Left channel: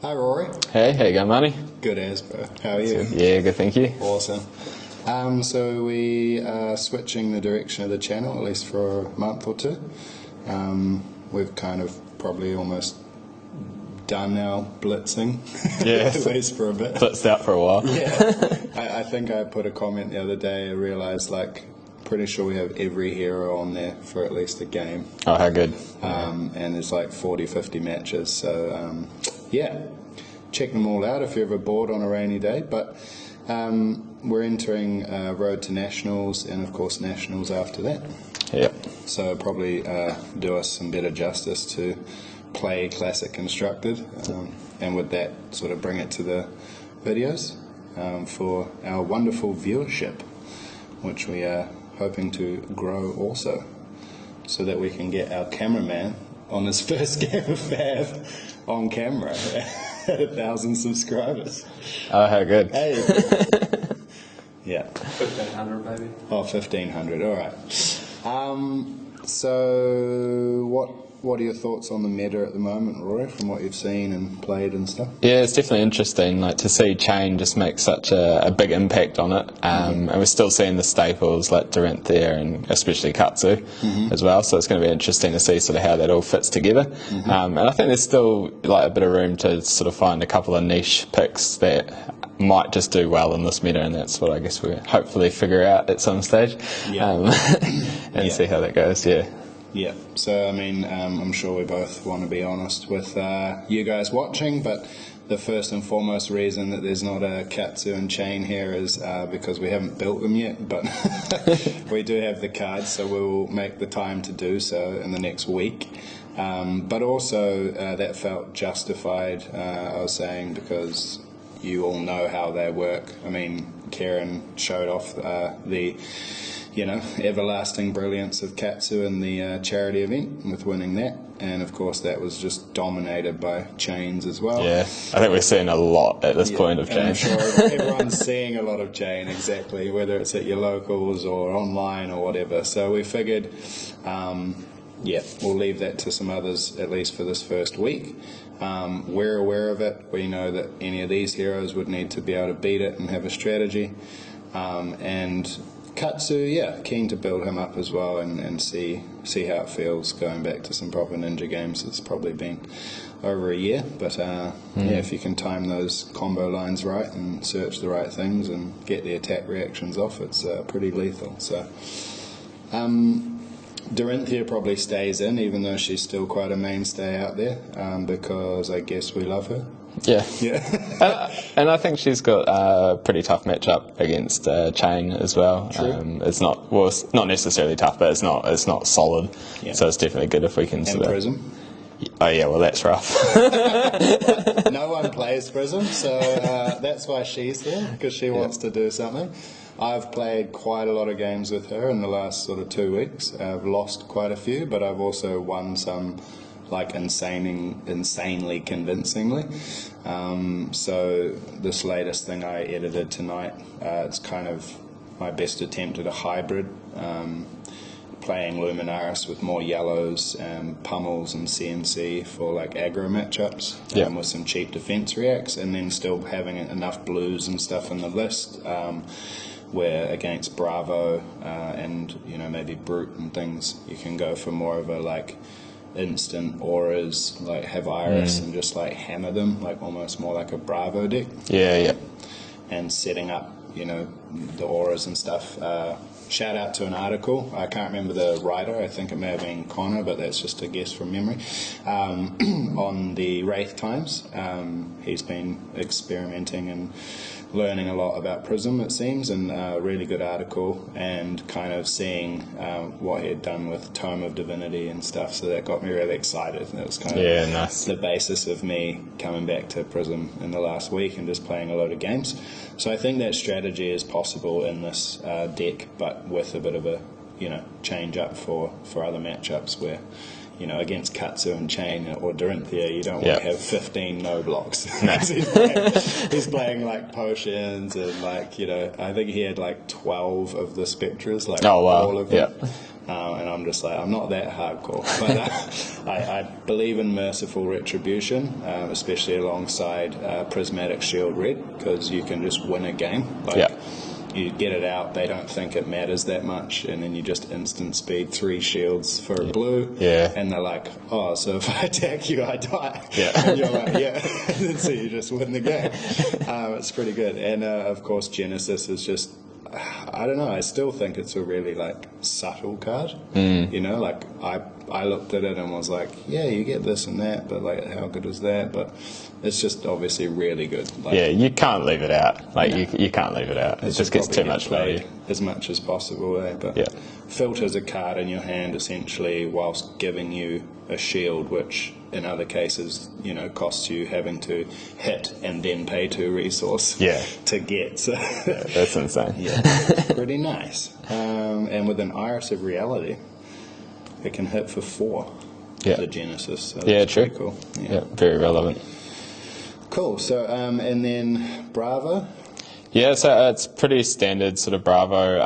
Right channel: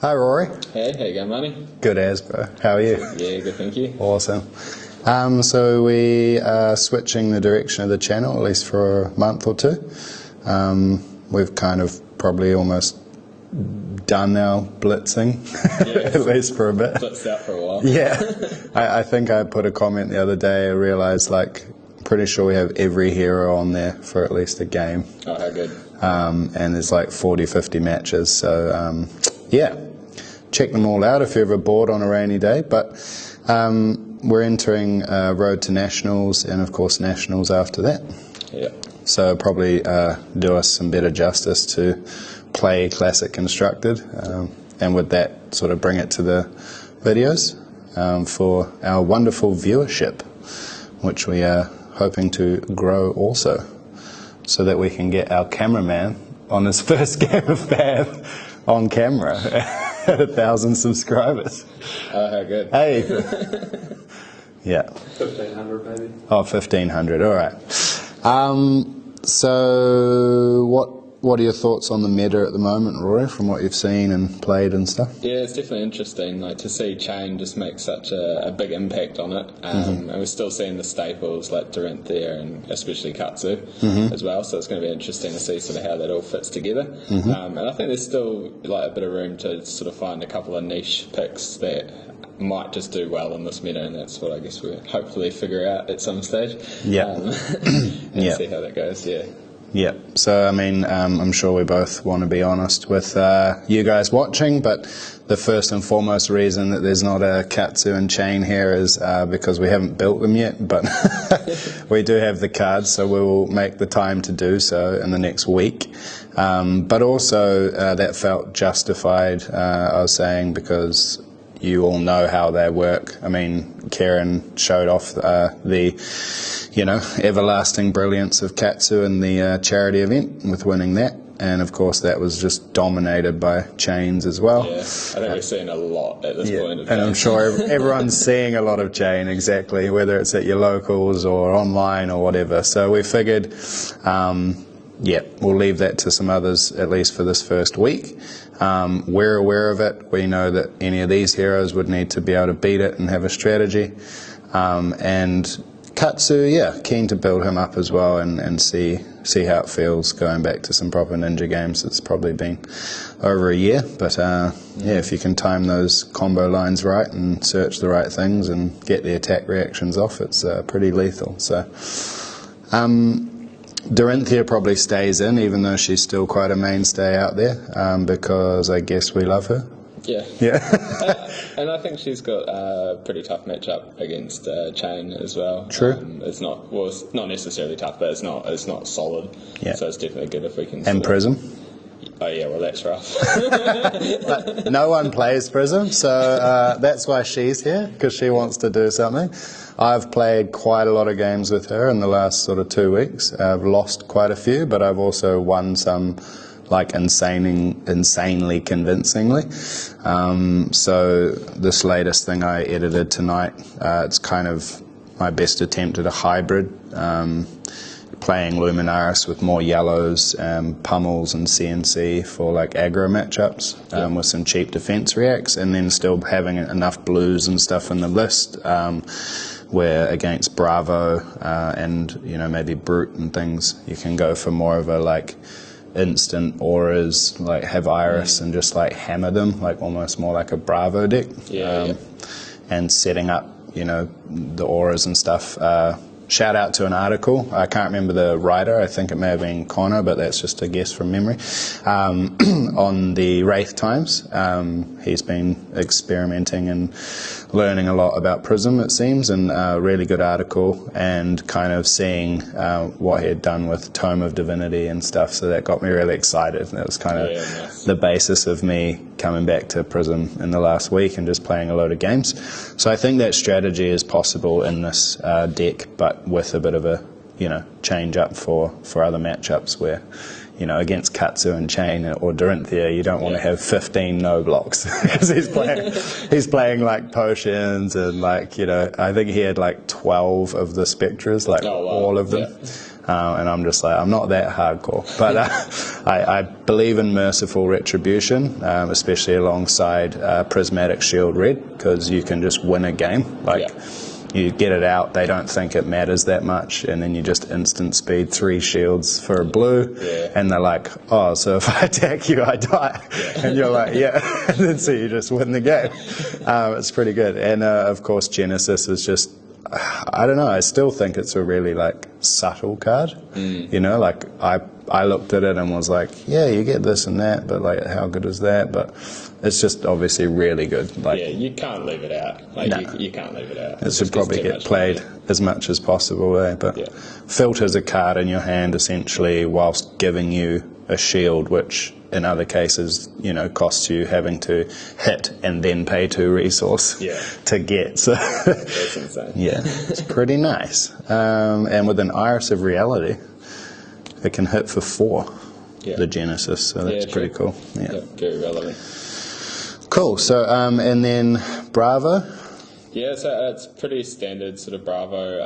Hi Rory. Hey, how you going, Marty? Good as, bro. How are you? Yeah, good, thank you. Awesome. So we are switching the direction of the channel, at least for a month or two. We've kind of probably almost done our blitzing, Yes. at least for a bit. Blitzed out for a while. Yeah. I think I put a comment the other day, I realised, pretty sure we have every hero on there for at least a game. Oh, how good. And there's 40, 50 matches. So, yeah, check them all out if you're ever bored on a rainy day. But we're entering Road to Nationals and, of course, Nationals after that. Yep. So probably do us some better justice to play Classic Constructed. And with that, sort of bring it to the videos for our wonderful viewership, which we are hoping to grow also, so that we can get our cameraman on his first game of Bath on camera at 1,000 subscribers. Oh, how good. Hey. Yeah. 1,500 maybe. Oh, 1,500. All right. So what are your thoughts on the meta at the moment, Rory, from what you've seen and played and stuff? Yeah, it's definitely interesting. To see Chain just make such a big impact on it, and we're still seeing the staples like Dorinthia and especially Katsu as well. So it's going to be interesting to see sort of how that all fits together. And I think there's still a bit of room to sort of find a couple of niche picks that might just do well in this meta, and that's what I guess we'll hopefully figure out at some stage. Yeah. And see how that goes. Yeah. Yeah, so I mean, I'm sure we both want to be honest with you guys watching, but the first and foremost reason that there's not a Katsu and Chain here is because we haven't built them yet, but we do have the cards, so we will make the time to do so in the next week. But also that felt justified, I was saying, because you all know how they work. I mean, Karen showed off the everlasting brilliance of Katsu in the charity event with winning that. And of course that was just dominated by Chains as well. Yeah, I think we're seeing a lot at this point of Chain. And I'm sure everyone's seeing a lot of Chain, exactly, whether it's at your locals or online or whatever. So we figured, we'll leave that to some others, at least for this first week. We're aware of it. We know that any of these heroes would need to be able to beat it and have a strategy. And Katsu, keen to build him up as well and see how it feels going back to some proper ninja games. It's probably been over a year, but if you can time those combo lines right and search the right things and get the attack reactions off, it's pretty lethal. So Dorinthia probably stays in, even though she's still quite a mainstay out there, because I guess we love her. Yeah. And I think she's got a pretty tough matchup against Chain as well. True. It's not necessarily tough, but it's not solid. Yeah. So it's definitely good if we can. And Prism. Oh yeah, well that's rough. But no one plays Prism, so that's why she's here, because she wants to do something. I've played quite a lot of games with her in the last sort of 2 weeks. I've lost quite a few, but I've also won some insanely convincingly. So this latest thing I edited tonight, it's kind of my best attempt at a hybrid, playing Luminaris with more yellows, pummels and CNC for aggro matchups, with some cheap defense reacts, and then still having enough blues and stuff in the list, where against Bravo and maybe Brute and things, you can go for more of a instant auras, have Iris and just hammer them, almost more like a Bravo deck. And setting up the auras and stuff. Shout out to an article, I can't remember the writer, I think it may have been Connor, but that's just a guess from memory, on the Wraith Times. He's been experimenting and learning a lot about Prism, it seems, and a really good article, and kind of seeing what he had done with Tome of Divinity and stuff, so that got me really excited. And that was kind of nice. The basis of me coming back to Prism in the last week and just playing a load of games. So I think that strategy is possible in this deck, but with a bit of a change up for other matchups where against Katsu and Chain or Dorinthia, you don't want to have 15 no blocks. he's playing potions and I think he had 12 of the Spectres, all of them. And I'm just like, I'm not that hardcore, but I believe in merciful retribution, especially alongside prismatic shield red, because you can just win a game. You get it out, they don't think it matters that much, and then you just instant speed 3 shields for a blue, and they're like, oh, so if I attack you, I die. And you're like, yeah, and then so you just win the game. It's pretty good. And of course, Genesis is just, I don't know, I still think it's a really subtle card. You know, I looked at it and was like, yeah, you get this and that, but how good is that? But it's just obviously really good. You can't leave it out. You can't leave it out. It just probably get played as much as possible, But filters a card in your hand essentially whilst giving you a shield, which in other cases, costs you having to hit and then pay 2 resource to get. So that's insane. It's pretty nice. And with an Iris of Reality, it can hit for 4. The Genesis. So that's pretty cool. Very relevant. Cool. So and then Bravo. Yeah, so it's pretty standard sort of Bravo.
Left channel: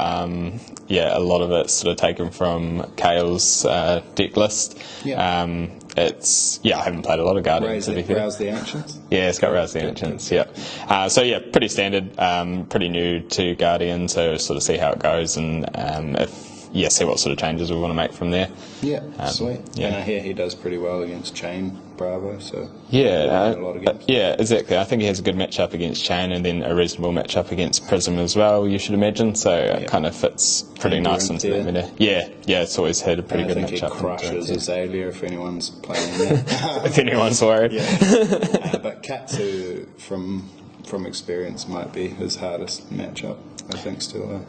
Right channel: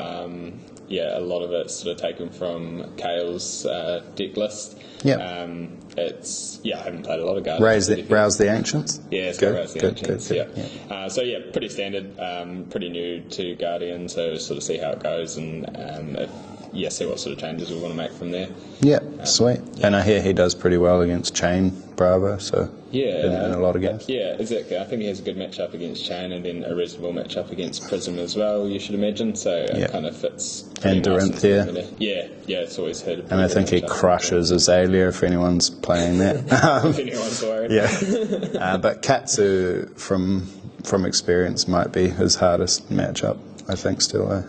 A lot of it's sort of taken from Kale's deck list. It's I haven't played a lot of Guardians. Rouse the Ancients? Yeah, it's got Rouse the Ancients, pretty standard, pretty new to Guardian, so sort of see how it goes, and see what sort of changes we want to make from there. Sweet. And I hear he does pretty well against Chain Bravo, so in a lot of games. Exactly. I think he has a good matchup against Chain, and then a reasonable matchup against Prism as well, you should imagine, so it kind of fits pretty nice into the it's always had a pretty good matchup. And I think he crushes Azalea if anyone's playing that. If anyone's worried. But Katsu, from experience, might be his hardest matchup, I think, still. I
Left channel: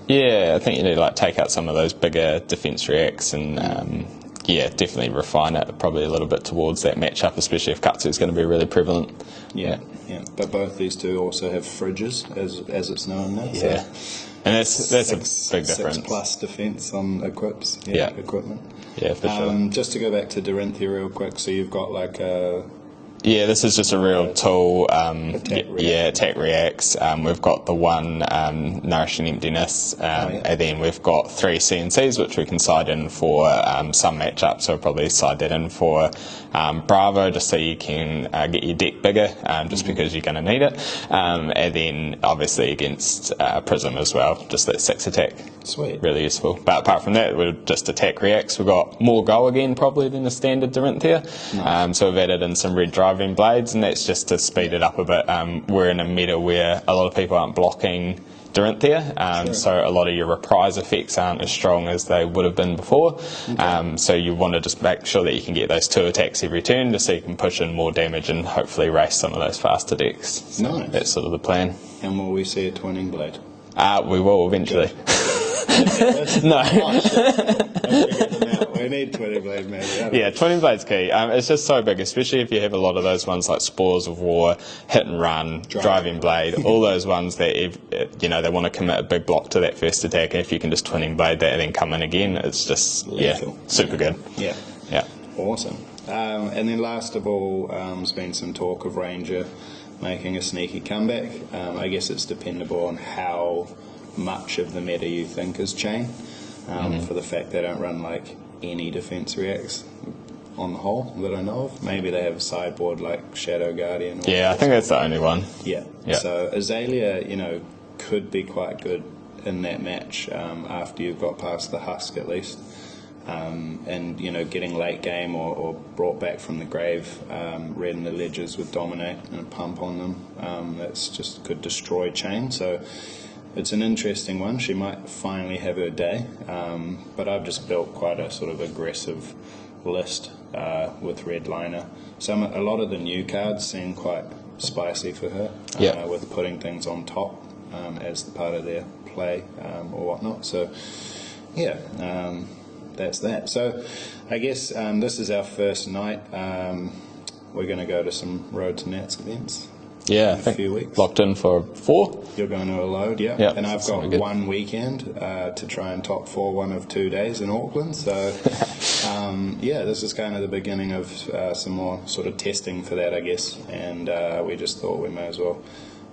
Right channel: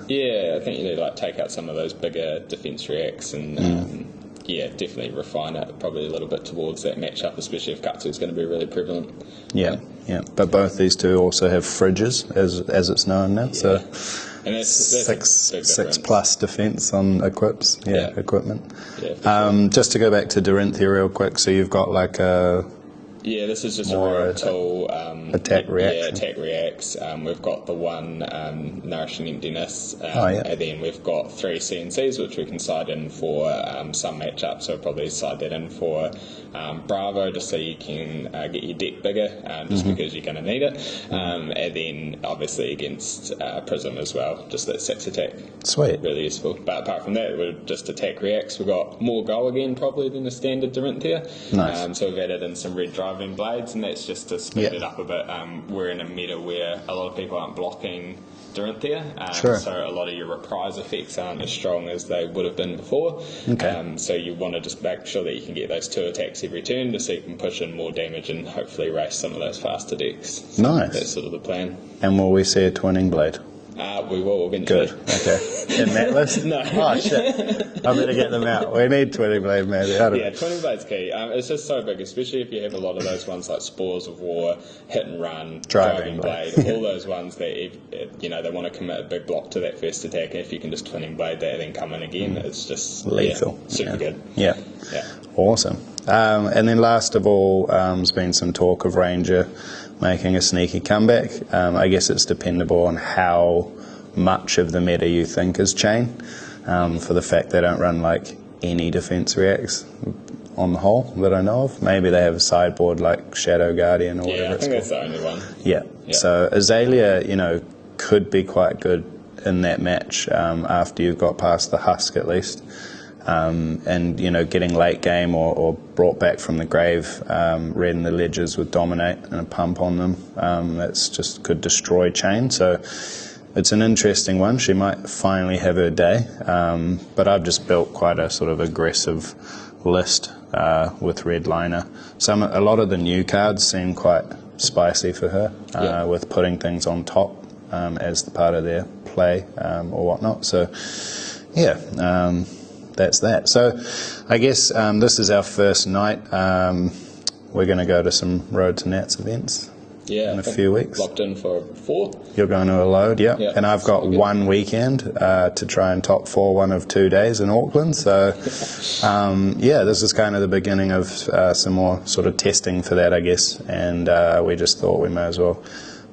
think you need to take out some of those bigger defense reacts and definitely refine it probably a little bit towards that matchup, especially if Katsu is going to be really prevalent. But both these two also have fridges, as it's known now. So and that's a big difference. 6+ defense on equipment. Just to go back to Dorinthia real quick, so you've got a this is just a real tool. Attack react. Attack reacts. We've got the one Nourishing Emptiness, and then we've got 3 CNCs, which we can side in for some matchups. So we'll probably side that in for Bravo, just so you can get your deck bigger, just because you're going to need it. And then obviously against Prism as well, just that 6 attack. Sweet. Really useful. But apart from that, we're just attack reacts. We've got more go again probably than the standard Dorinthia. Nice. So we've added in some red driving blades, and that's just to speed it up a bit. We're in a meta where a lot of people aren't blocking Dorinthia, so a lot of your reprise effects aren't as strong as they would have been before. So you want to just make sure that you can get those 2 attacks every turn, just so you can push in more damage and hopefully race some of those faster decks. So nice. That's sort of the plan. And will we see a Twinning Blade? We will eventually. Good. Okay. In that list? No. Oh, shit. I'm going to get them out. We need Twinning Blade, maybe. Twinning Blade's key. It's just so big, especially if you have a lot of those ones like Spores of War, Hit and Run, Driving Blade, all those ones that, they want to commit a big block to that first attack, and if you can just Twinning Blade that and then come in again, it's just lethal. Super good. Yeah. Awesome. And then last of all, there's been some talk of Ranger making a sneaky comeback. I guess it's dependable on how much of the meta you think is Chain, for the fact they don't run any defense reacts on the whole that I know of. Maybe they have a sideboard like Shadow Guardian or I think that's the only one. So Azalea, could be quite good in that match after you've got past the husk at least. And getting late game or brought back from the grave, red in the ledgers with Dominate and a pump on them, that's just could destroy Chain. So it's an interesting one. She might finally have her day, but I've just built quite a sort of aggressive list with Red Liner. A lot of the new cards seem quite spicy for her, with putting things on top as the part of their play or whatnot. So that's that. So I guess this is our first night. We're going to go to some Road to Nats events in a few weeks. Locked in for 4. You're going to a load, and I've got one weekend to try and top 4 one of 2 days in Auckland. So this is kind of the beginning of some more sort of testing for that, I guess. And we just thought we may as well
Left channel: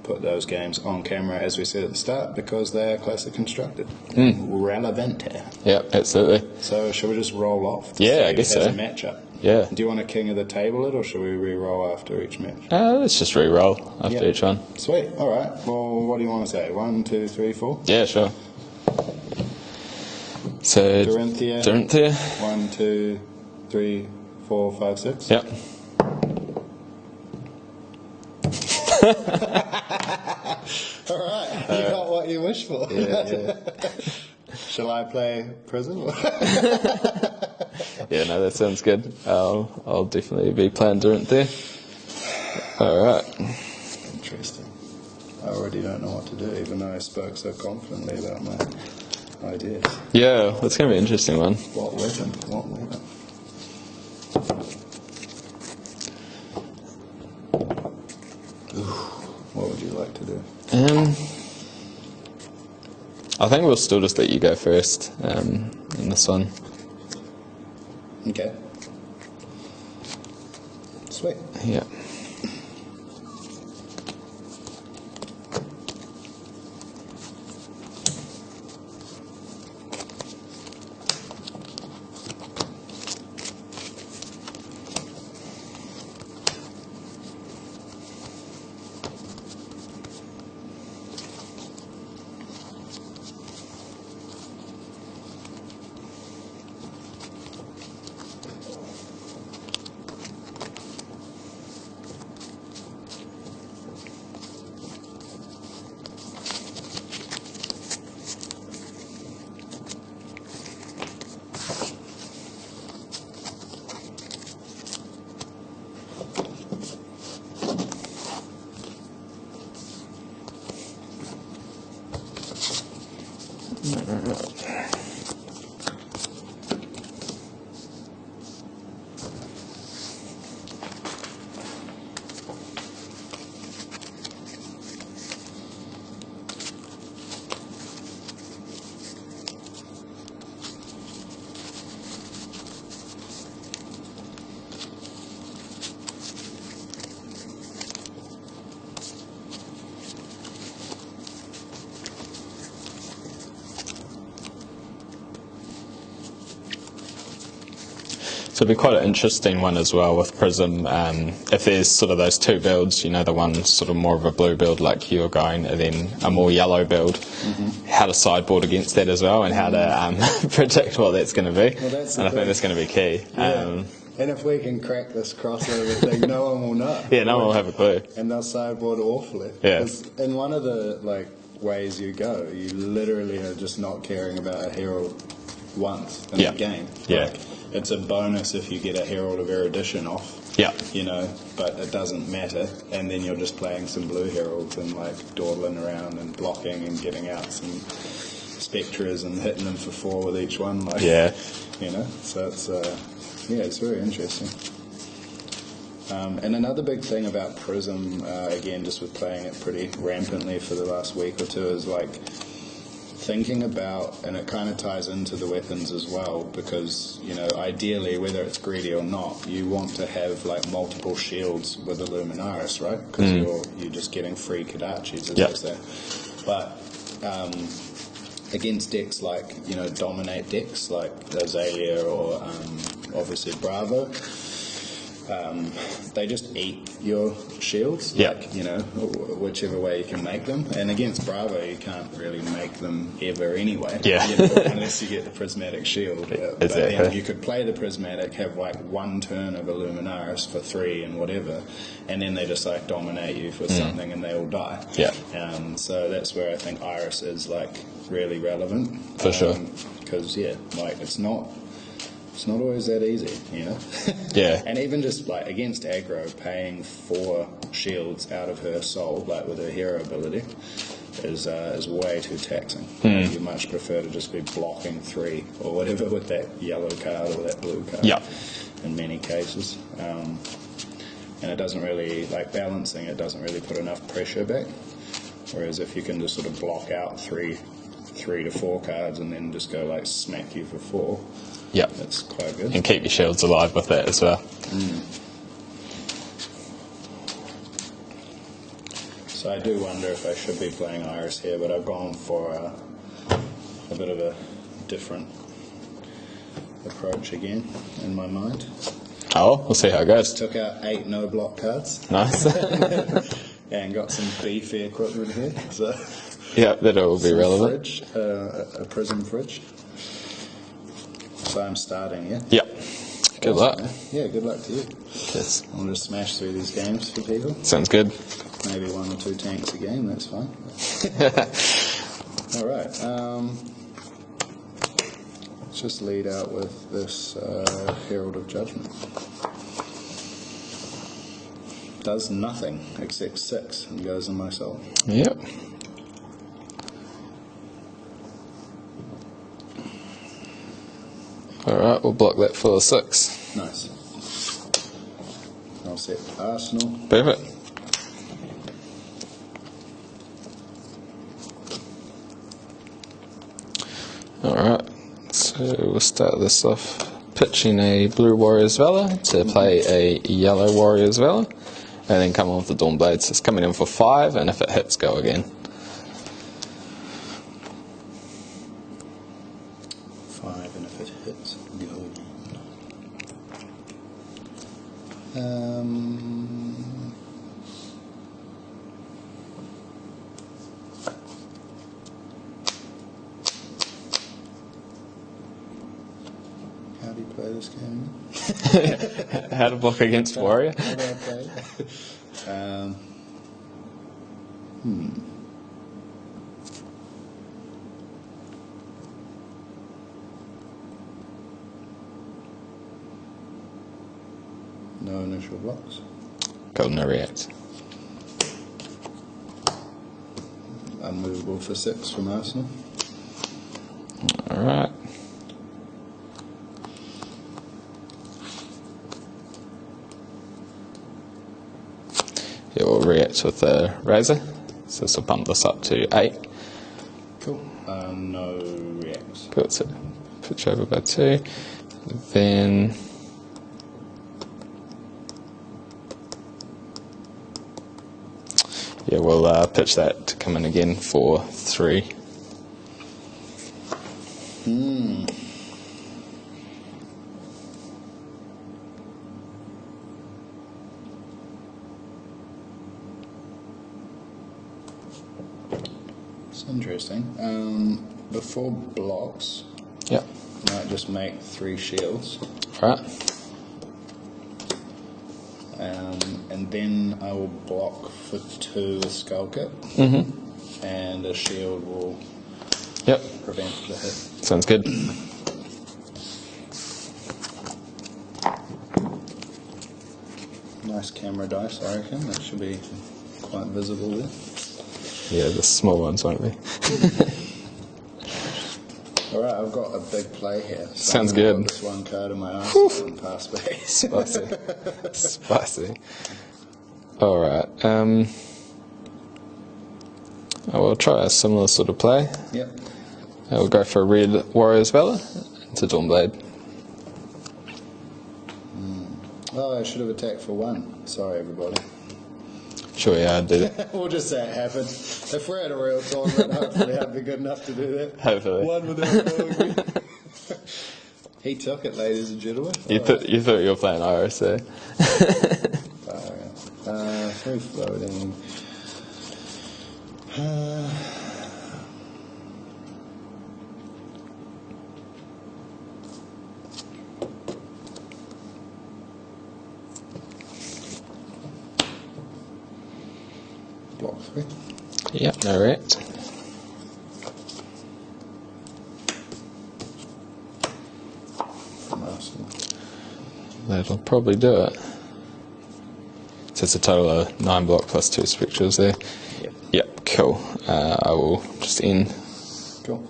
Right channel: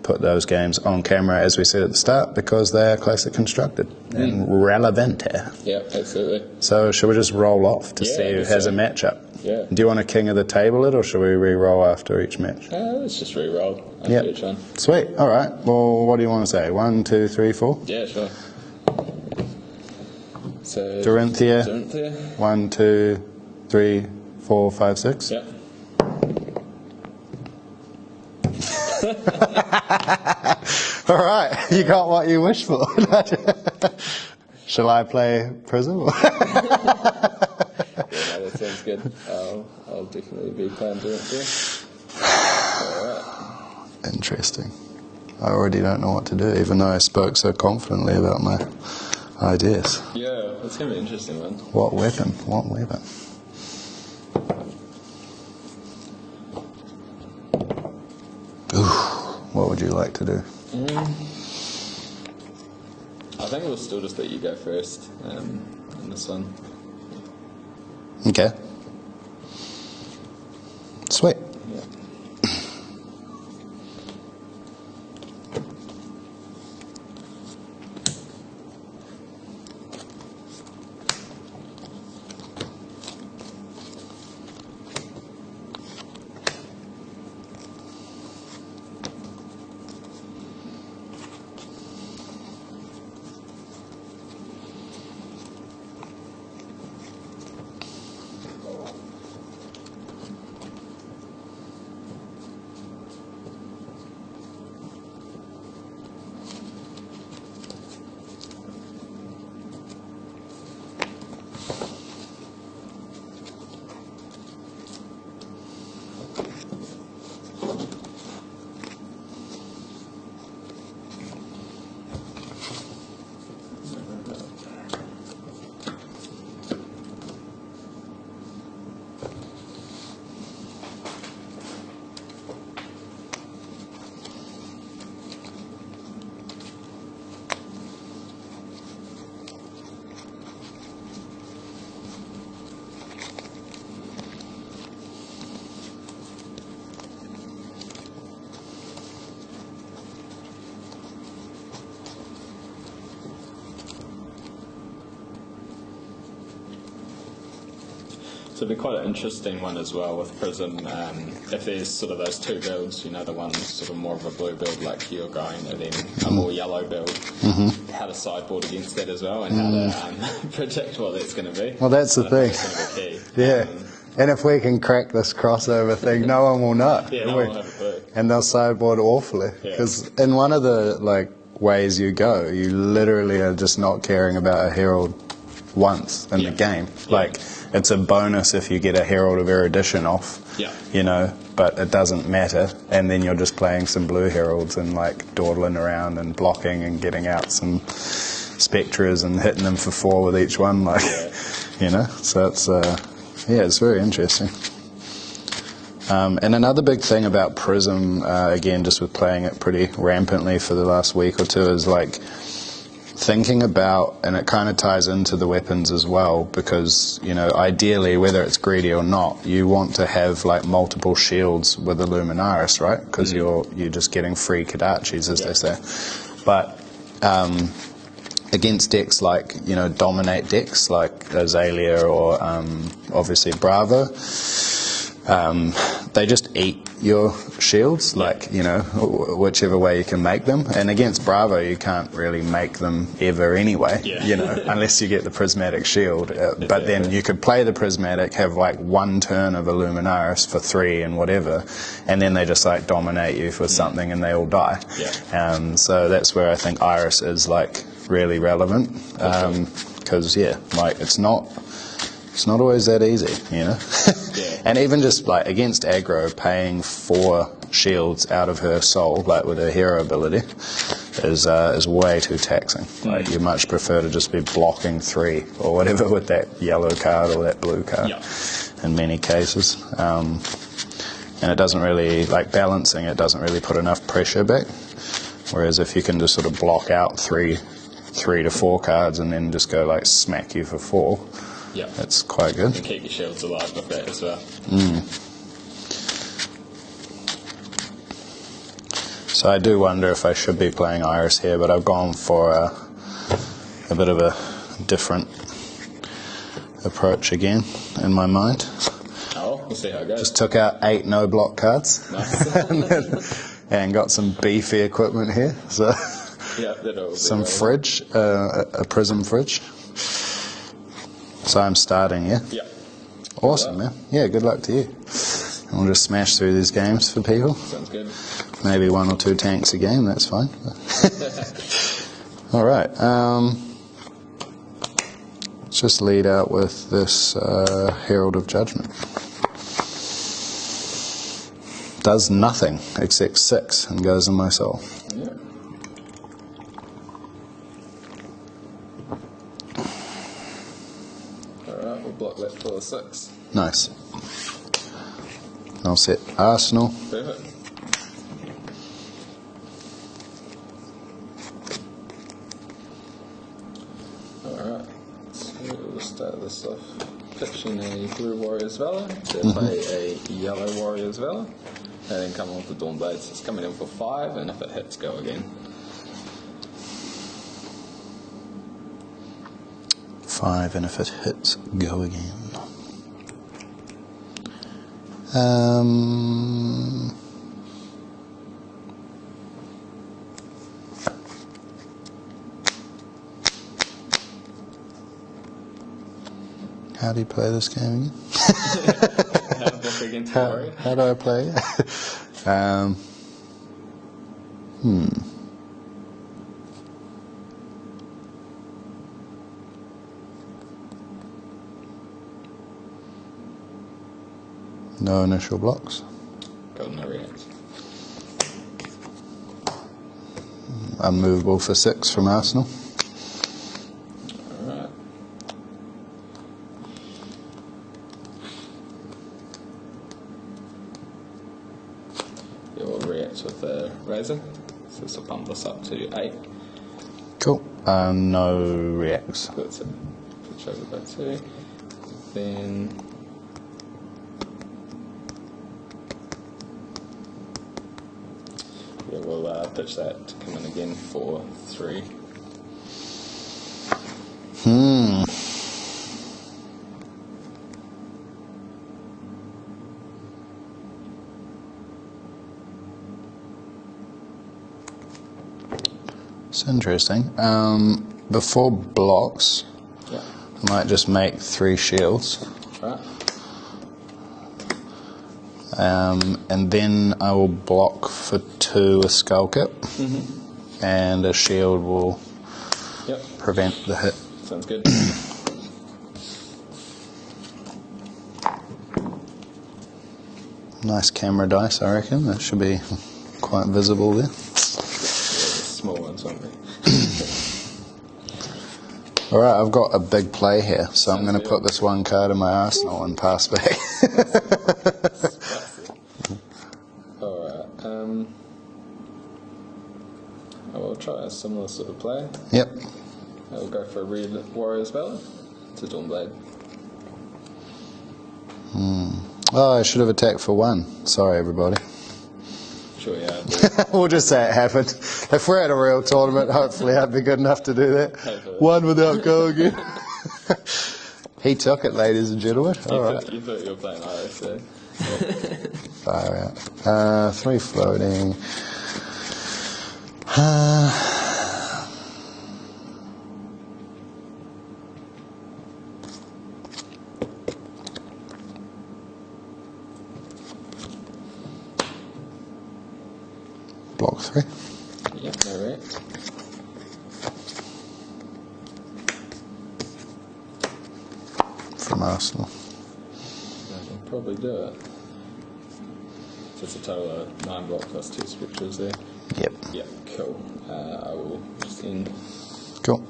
put those games on camera, as we said at the start, because they're closely constructed and relevant. Yeah, absolutely. So should we just roll off to see I who guess has so. a matchup? Yeah. Do you want a king of the table it, or should we re-roll after each match? Let's just re-roll after each one. Sweet. All right. Well, what do you want to say? 1, 2, 3, 4? Yeah, sure. So Dorinthia. 1, 2, 3, 4, 5, 6. Yep. All right. You got what you wished for. Yeah. Shall I play Prism? Yeah, no, that sounds good. I'll definitely be playing Dorinthia. All right. Interesting. I already don't know what to do, even though I spoke so confidently about my ideas. Yeah, that's going to be an interesting one. What weapon? What weapon? Ooh, what would you like to do? I think we'll still just let you go first in this one. Okay. Sweet. Yeah. So it'd be quite an interesting one as well with Prism. If there's sort of those two builds, you know, the one sort of more of a blue build like you're going, and then a more yellow build, how to sideboard against that as well, and how to predict what that's going to be. Well, that's the and thing. I think that's going to be key. Yeah. And if we can crack this crossover thing, no one will know. Yeah, no one will have a clue. And they'll sideboard awfully. Yeah. Because in one of the ways you go, you literally are just not caring about a herald once in the game. Yeah. It's a bonus if you get a Herald of Erudition off, you know, but it doesn't matter. And then you're just playing some blue Heralds and dawdling around and blocking and getting out some Spectres and hitting them for 4 with each one, you know. So it's it's very interesting. And another big thing about Prism, again, just with playing it pretty rampantly for the last week or two, is thinking about, and it kind of ties into the weapons as well, because, you know, ideally, whether it's greedy or not, you want to have multiple shields with a Luminaris, right? Because you're just getting free Kodachis, as they say. But against decks dominate decks like Azalea or obviously Bravo, they just eat your shields, you know, whichever way you can make them. And against Bravo, you can't really make them ever anyway, you know, unless you get the Prismatic Shield. But then you could play the Prismatic, have one turn of a Luminaris for 3 and whatever, and then they just dominate you for something and they all die. So that's where I think Iris is really relevant. Because it's not always that easy, you know. And even just against aggro, paying 4 shields out of her soul, with her hero ability, is way too taxing. You much prefer to just be blocking 3 or whatever with that yellow card or that blue card. In many cases, and it doesn't really balancing. It doesn't really put enough pressure back. Whereas if you can just sort of block out 3 to 4 cards and then just go smack you for 4. That's quite good. And keep your shields alive with that as well. So I do wonder if I should be playing Iris here, but I've gone for a bit of a different approach again in my mind. Oh, we'll see how it goes. Took out 8 no block cards. Nice. And got some beefy equipment here. So Yeah, that'll be some relevant. fridge, a prism fridge. So I'm starting, yeah? Yep. Good Awesome, luck. man. Yeah, good luck to you. Yes. We'll just smash through these games for people. Sounds good. Maybe 1 or 2 tanks a game, that's fine. All right. Let's just lead out with this Herald of Judgment. Does nothing except 6 and goes in my soul. Yep. Alright, we'll block that for 6. Nice. I'll set Arsenal. Perfect. Alright, so we'll start this off pitching a blue Warrior's Valor to play a yellow Warrior's Valor, and then come on with the Dawn Blades. It's coming in for 5, and if it hits, go again. 5, and if it hits, go again. How do you play this game again? How to block against Warrior? How do I play it? No initial blocks. Got no react. Unmovable for 6 from Arsenal. Alright. Yeah, we'll react with the Razor. So this will bump this up to 8. Cool. No reacts. Good, so pitch over by 2. Then yeah, we'll pitch that to come in again for 3. It's interesting. Before blocks, Yeah. I might just make 3 shields. Right. And then I will block for 2 with Skull Kip. And a shield will Yep. prevent the hit. Sounds good. Nice camera dice, I reckon. That should be quite visible there. Yeah, the small ones won't be. Alright, I've got a big play here, so I'm Sounds going to good. put this 1 card in my arsenal and pass back. Spicy. Spicy. Alright. I will try a similar sort of play. Yep. I will go for a red Warrior's Valor to Dawnblade. Oh, I should have attacked for 1. Sorry, everybody. Sure, yeah, I did. We'll just say it happened. If we're at a real tournament, hopefully I'd be good enough to do that. Hopefully. 1 without going again. He took it, ladies and gentlemen. You, All thought you were playing Iris there. Fire out. 3 floating. Block 3. Yep, no react. From Arsenal. That'll probably do it. So it's a total of 9 block plus 2 spectrals there. Yep. Yep, cool. I will just end Cool.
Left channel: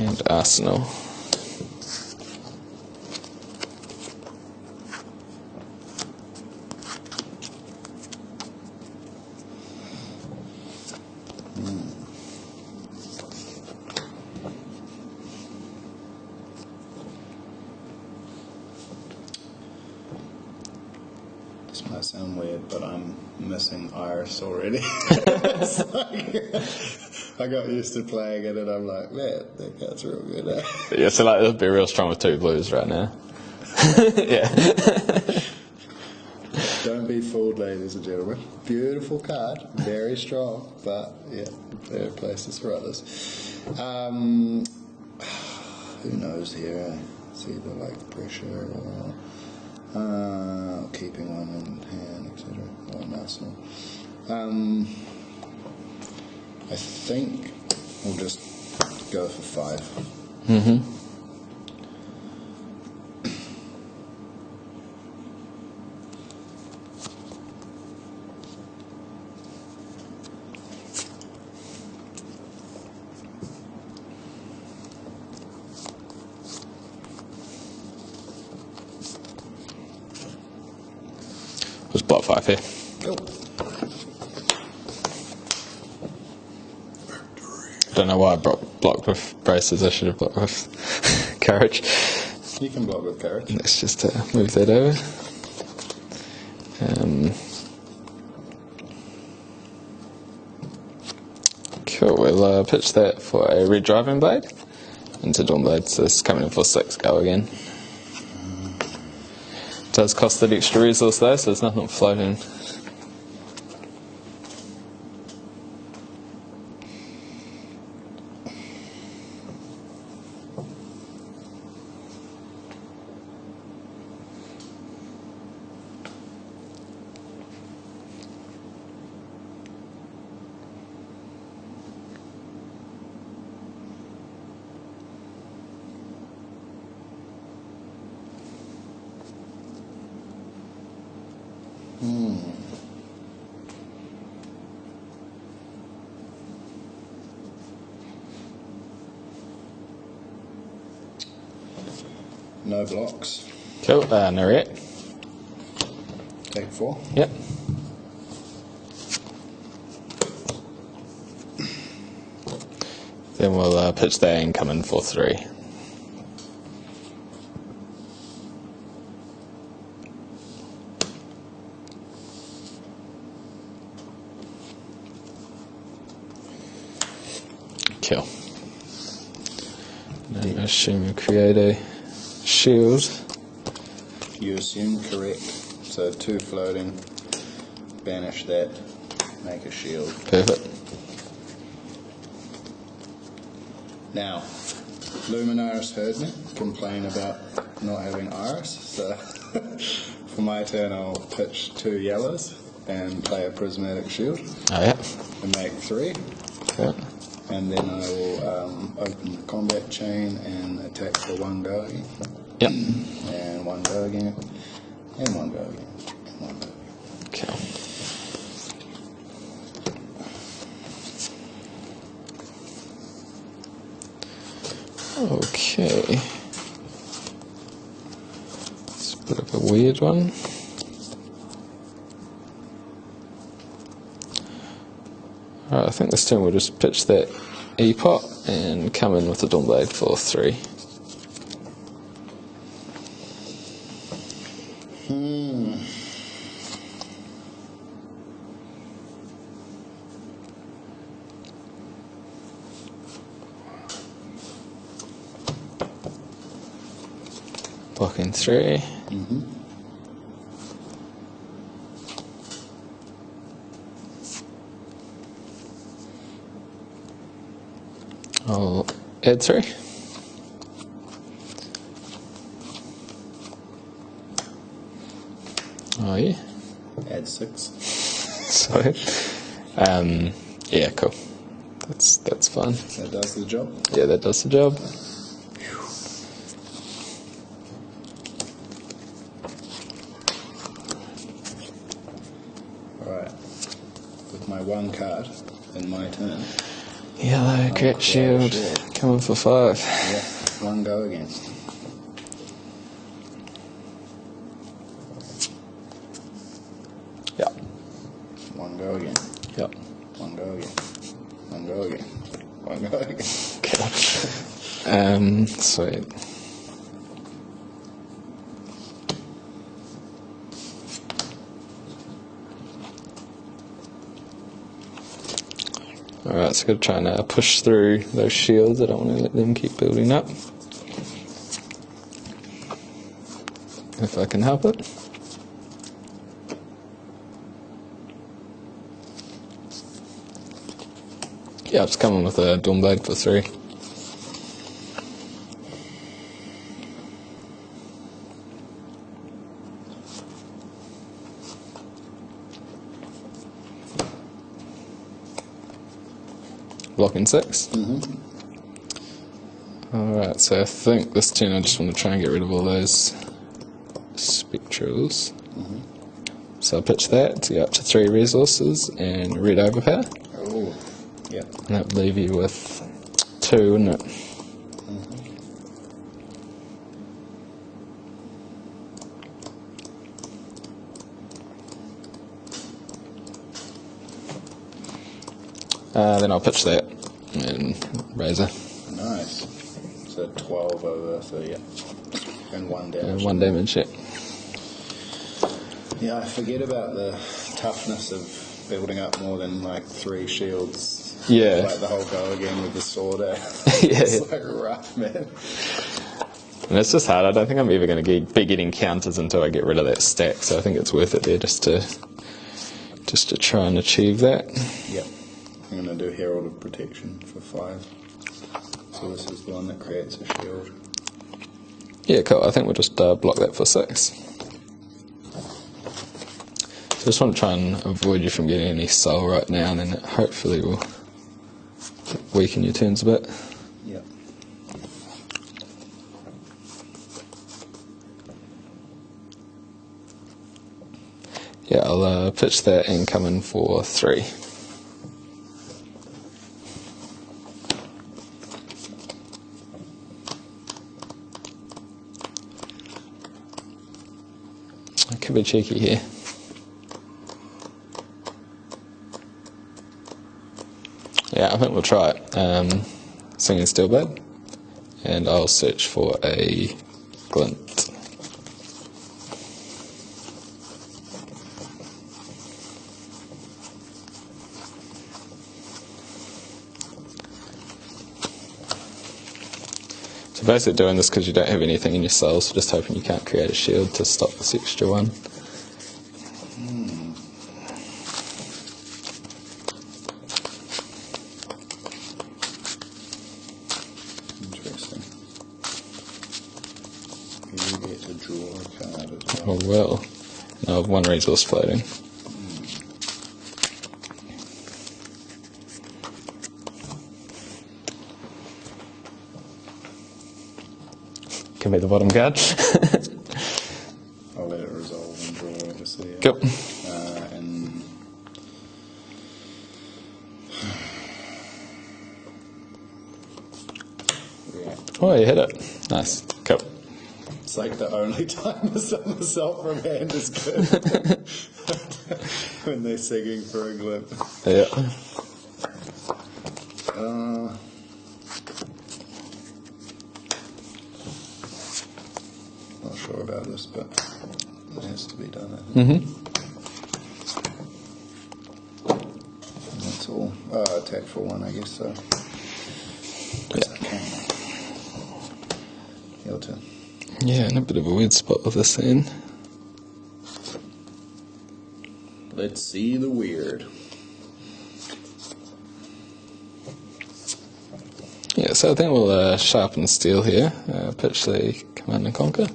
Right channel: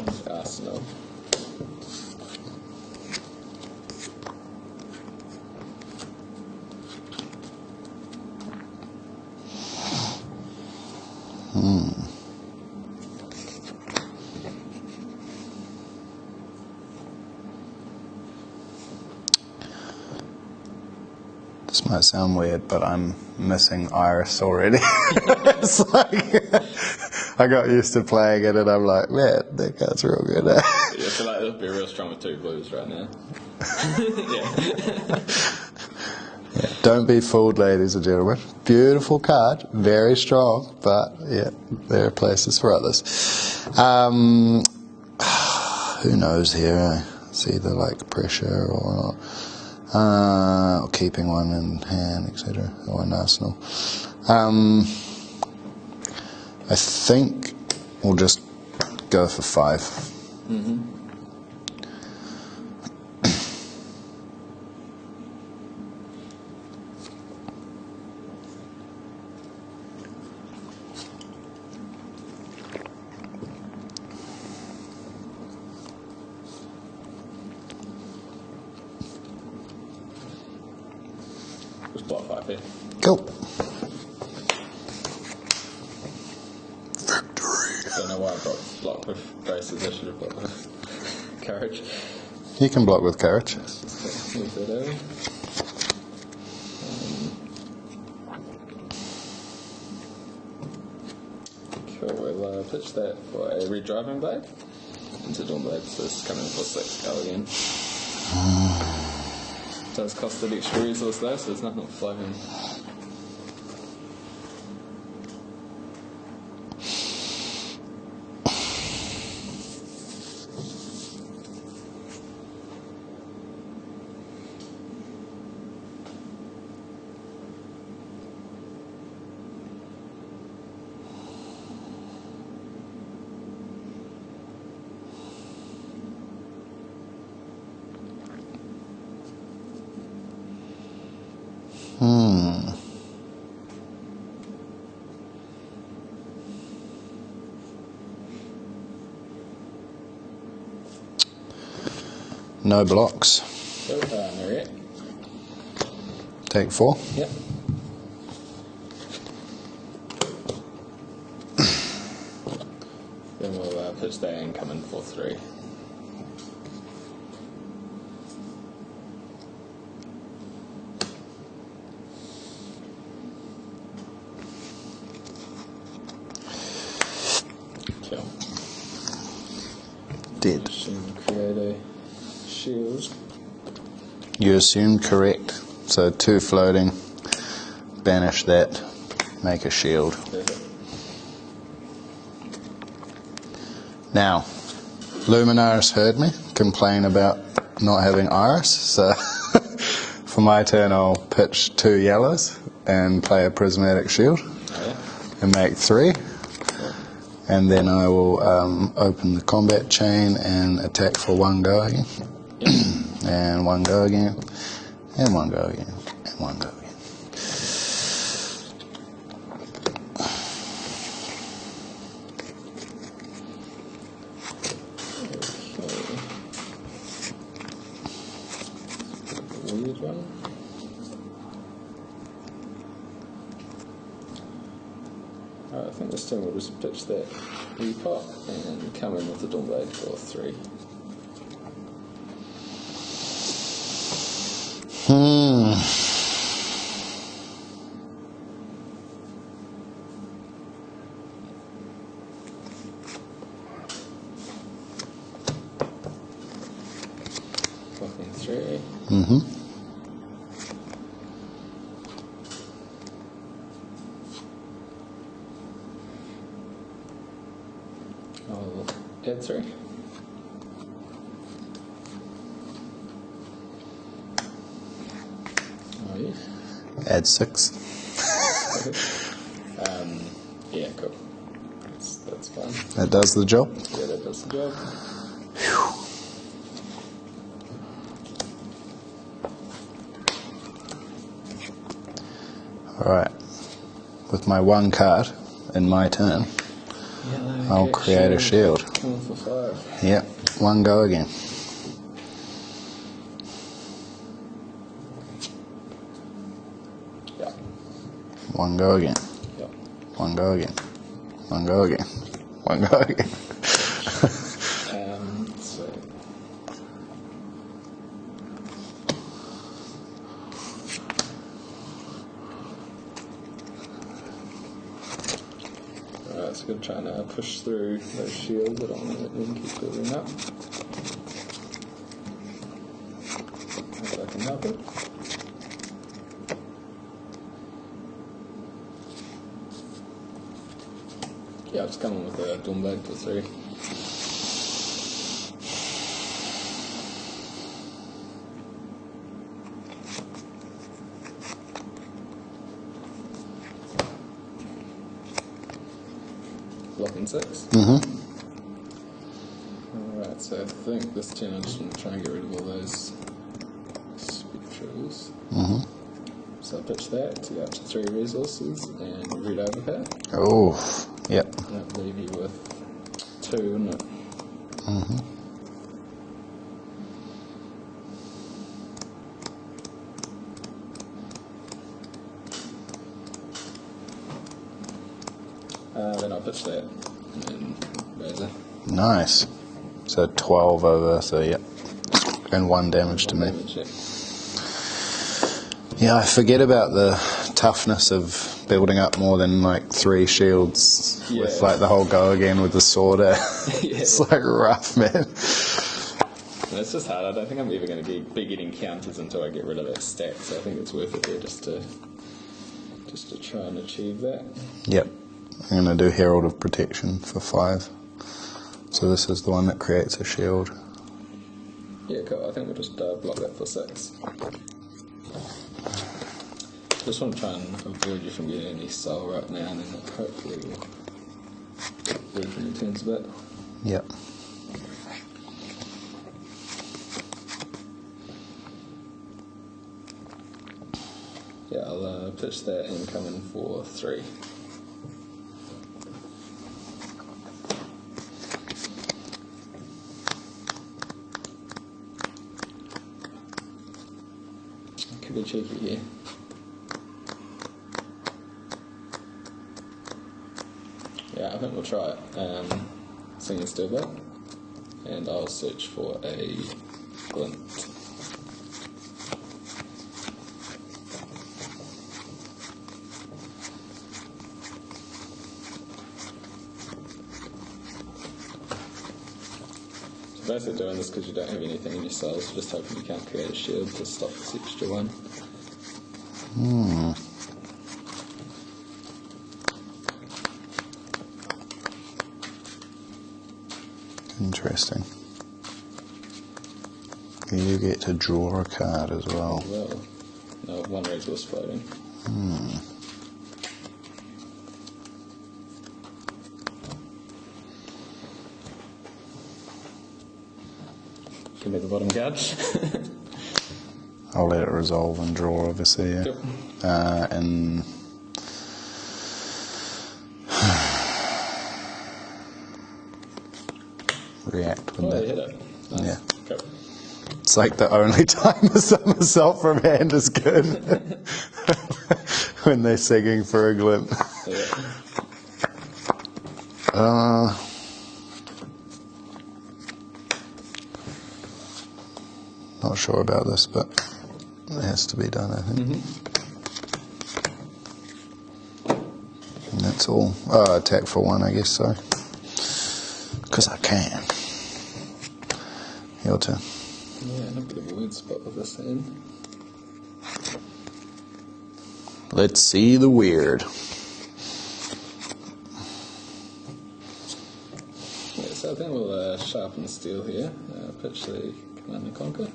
and Arsenal. This This might sound weird, but I'm missing Iris already. It's like, I got used to playing it and I'm like, man, that card's real good. Yeah, so like it'll be real strong with 2 blues right now. Yeah. Don't be fooled, ladies and gentlemen. Beautiful card, very strong, but yeah, there are places for others. Who knows here? It's either like pressure or keeping one in hand, etc., or an arsenal. I think we'll just go for 5. Mm-hmm. Just block 5 here. Cool. Don't know why I blocked with braces. I should have blocked with courage. You can block with courage. Let's just move that over. Cool, we'll pitch that for a red driving blade into Dawn Blade, so it's coming in for 6 go again. Does cost that extra resource though, so there's nothing floating. No blocks. Cool, no react. Take 4. Yep. Then we'll pitch that and come in for 3. Kill. Dead. Assume you create a shield. You assumed correct. So 2 floating, banish that, make a shield. Perfect. Now, Luminaris heard me complain about not having Iris, so for my turn I'll pitch 2 yellows and play a prismatic shield Oh yeah. and make 3. Cool. And then I will open the combat chain and attack for 1 go again. Yep. And 1 go again. And 1 go again. And 1 go again. Okay. It's a bit of a weird one. Alright, I think this turn we'll just pitch that E-pot and come in with the Dawn Blade for 3. Blocking 3. Mm-hmm. I'll add 3. Oh yeah. Add 6. So, yeah, cool. That's fine. That does the job. Yeah, that does the job. Alright. With my 1 card in my turn, Yellow, I'll get create a shield. Coming for 5. Yep, 1 go again. Yep. 1 go again. Yep. 1 go again. 1 go again. 1 go again. Sweet. Alright, so I've got to try and push through those shields. I don't want to let them keep building up. If I can help it. Yeah, it's coming with a Dawnblade for 3. Blocking 6. Alright, so I think this turn I just want to try and get rid of all those spectrals. So I'll pitch that to get up to 3 resources and red overpower. Oh, yep. And that will leave you with 2, wouldn't it? Then I'll pitch that and Razor. Nice. So 12 over, so yep. And 1 damage. 1 damage, yeah. Yeah, I forget about the toughness of building up more than like 3 shields. Yeah. It's like the whole go again with the sword. It's like rough, man. And it's just hard. I don't think I'm ever going to be getting counters until I get rid of that stack, so I think it's worth it there just to try and achieve that. Yep. I'm going to do Herald of Protection for 5. So this is the one that creates a shield. Yeah, cool. I think we'll just block that for 6. So I just want to try and avoid you from getting any soul right now, and then it hopefully will weaken your turns a bit. Yep. Yeah, I'll pitch that and come in for 3. I could be cheeky here. Yeah, I think we'll try it. Singing Steelblade, and I'll search for a glint. So basically doing this because you don't have anything in your soul, so just hoping you can't create a shield to stop this extra one. Interesting. You get to draw a card as well. Oh well. No, I have 1 resource floating. Give me the bottom guard. I'll let it resolve and draw, obviously. Yeah. Cool. And react. Oh, you hit it. Nice. Yeah. Cool. It's like the only time a somersault from hand is good. When they're singing for a glint. Yeah. Not sure about this, but it has to be done, I think. And that's all. Attack for 1, I guess so. Because I can. Your turn. Yeah, in a bit of a weird spot with this in. Let's see the weird. Yeah, so I think we'll sharpen steel here, pitch the Command and Conquer,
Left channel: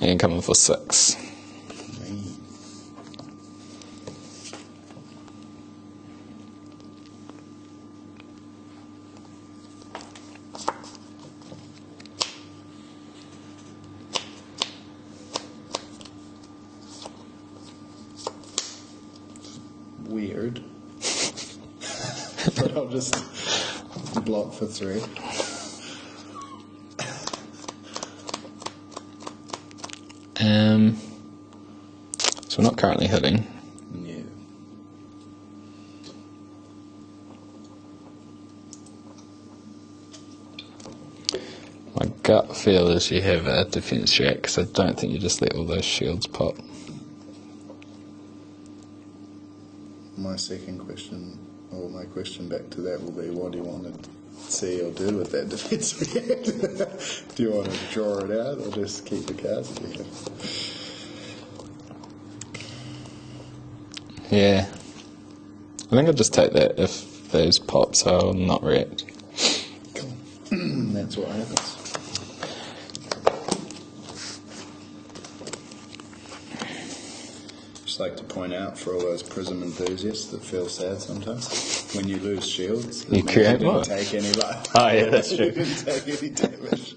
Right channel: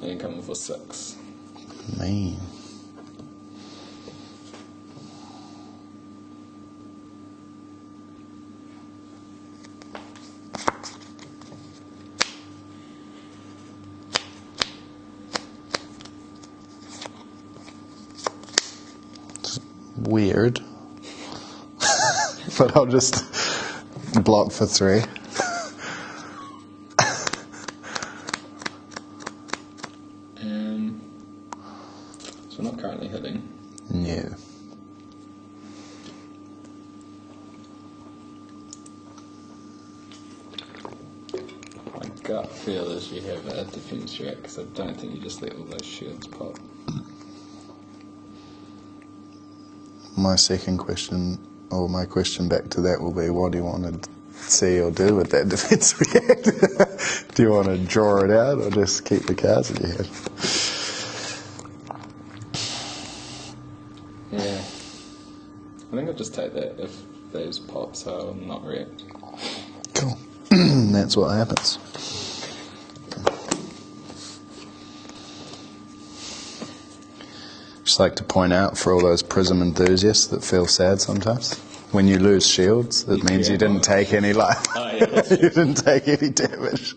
and come in for 6. Man. It's weird. But I'll just block for 3. So we're not currently hitting. No. My gut feel is you have a defense track, because I don't think you just let all those shields pop. My second question, Or my question back to that will be, what do you want to see or do with that defense react? Do you want to draw it out or just keep the cards that you have? Yeah. I think I'll just take that. If those pops, I'll not react. Cool. That's what happens. Just like to point out for all those Prism enthusiasts that feel sad sometimes, when you lose shields, it means you didn't take any life. Oh yeah, that's true. You didn't take any damage.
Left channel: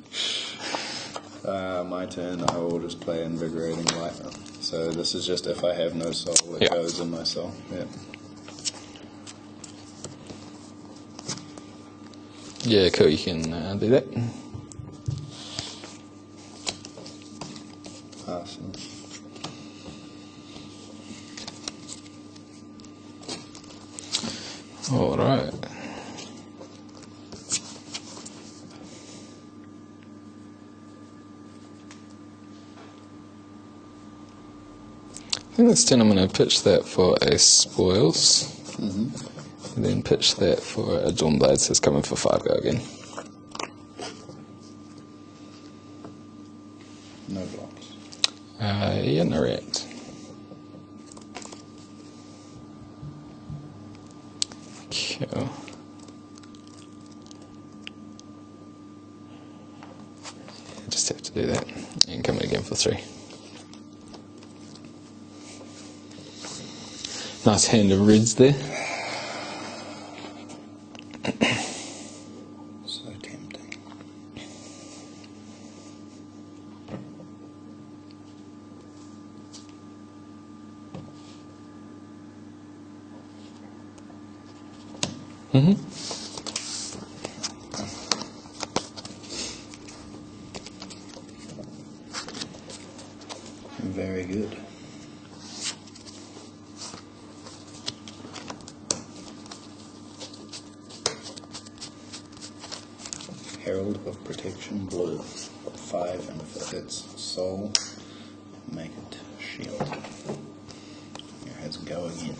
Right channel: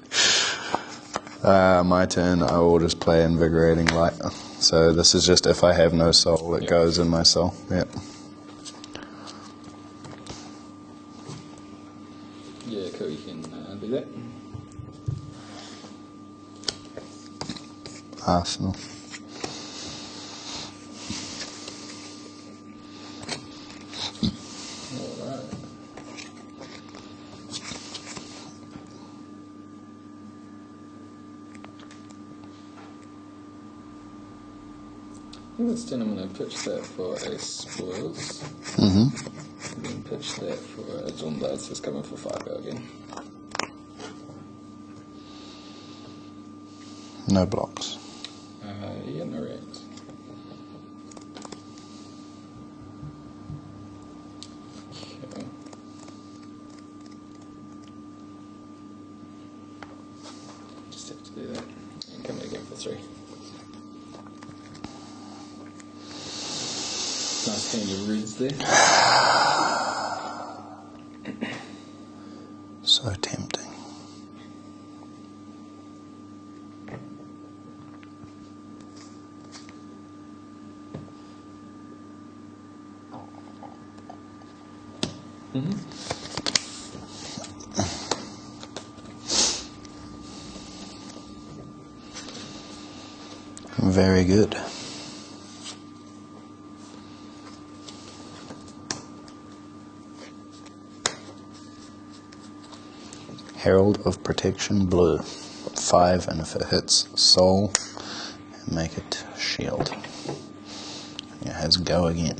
My turn, I will just play Invigorating Light. So this is just if I have no soul, it goes in my soul. Yep. Yeah, cool, you can do that. Arsenal. Alright. I think this turn I'm going to pitch that for a spoils. Mm-hmm. And then pitch that for a Dawnblade, so it's coming for 5 go again. No blocks. Yeah, no react. Cool. Just have to do that. And come in again for 3. Nice hand of reds there. So tempting. Very good. Herald of Protection blue. 5, and if it hits soul, make it shield. It has go again.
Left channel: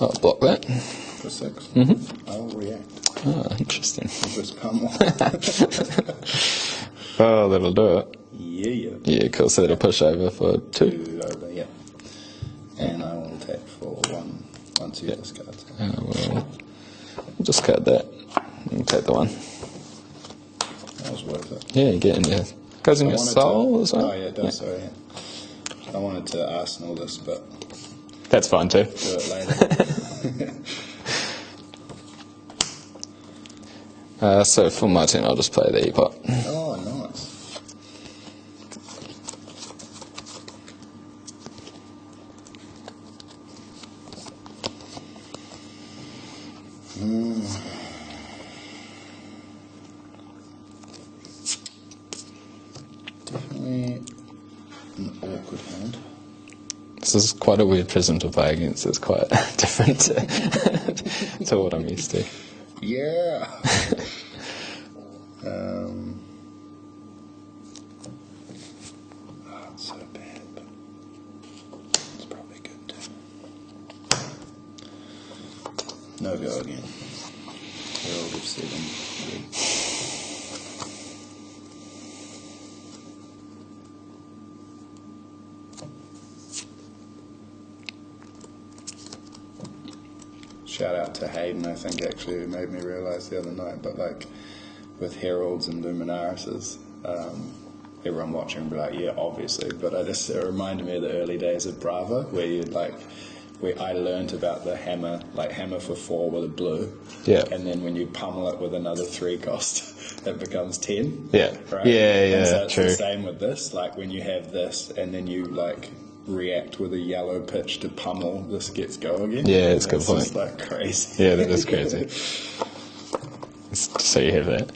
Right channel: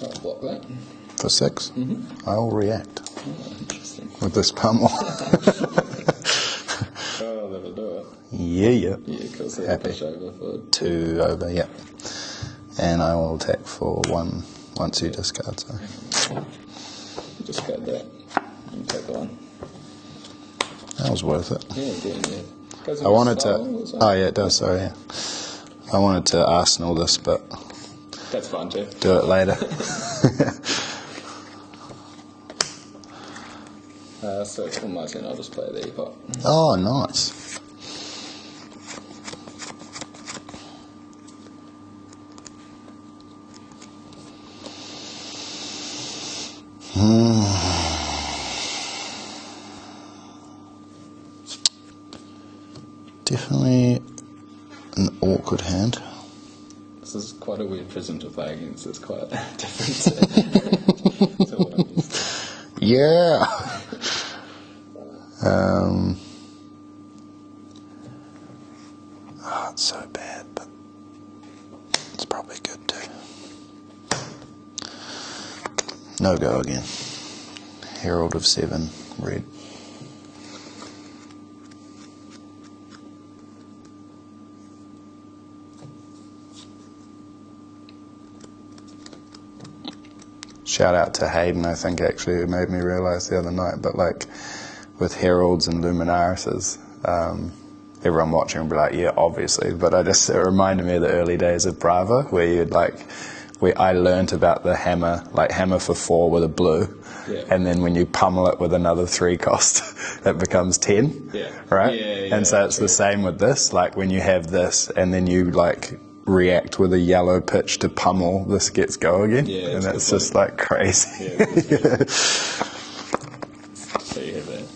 I'll block that. For 6, I'll react Oh, interesting. with this pummel. Oh, that'll do it. Yeah. Yeah, cool. So that'll push over for 2. 2 over, yeah. And I will attack for 1 once you discard. So. And we'll discard that. You can take the 1. That was worth it. Yeah, you get in there. Goes in your soul as well? Oh, yeah, it does, sorry, yeah. I wanted to Arsenal this, but That's fine too. do it later. So for my turn, I'll just play the E-pot. Oh, nice. Definitely an awkward hand. This is quite a weird prism to play against. It's quite different to what I'm used to. Yeah. Oh, it's so bad, but it's probably good too. No go again. Herald of 7, red. Shout out to Hayden, I think, actually, who made me realise the other night, but like with Heralds and Luminarises, everyone watching would be like, yeah, obviously, but it reminded me of the early days of Brava, where I learnt about the hammer, like hammer for 4 with a blue, and then when you pummel it with another 3 cost, it becomes 10, right? Yeah, and so it's true. the same with this, like when you have this, and then you like react with a yellow pitch to pummel, this gets go again. Yeah, it's and it's just like crazy. Yeah, that is crazy. So you have that.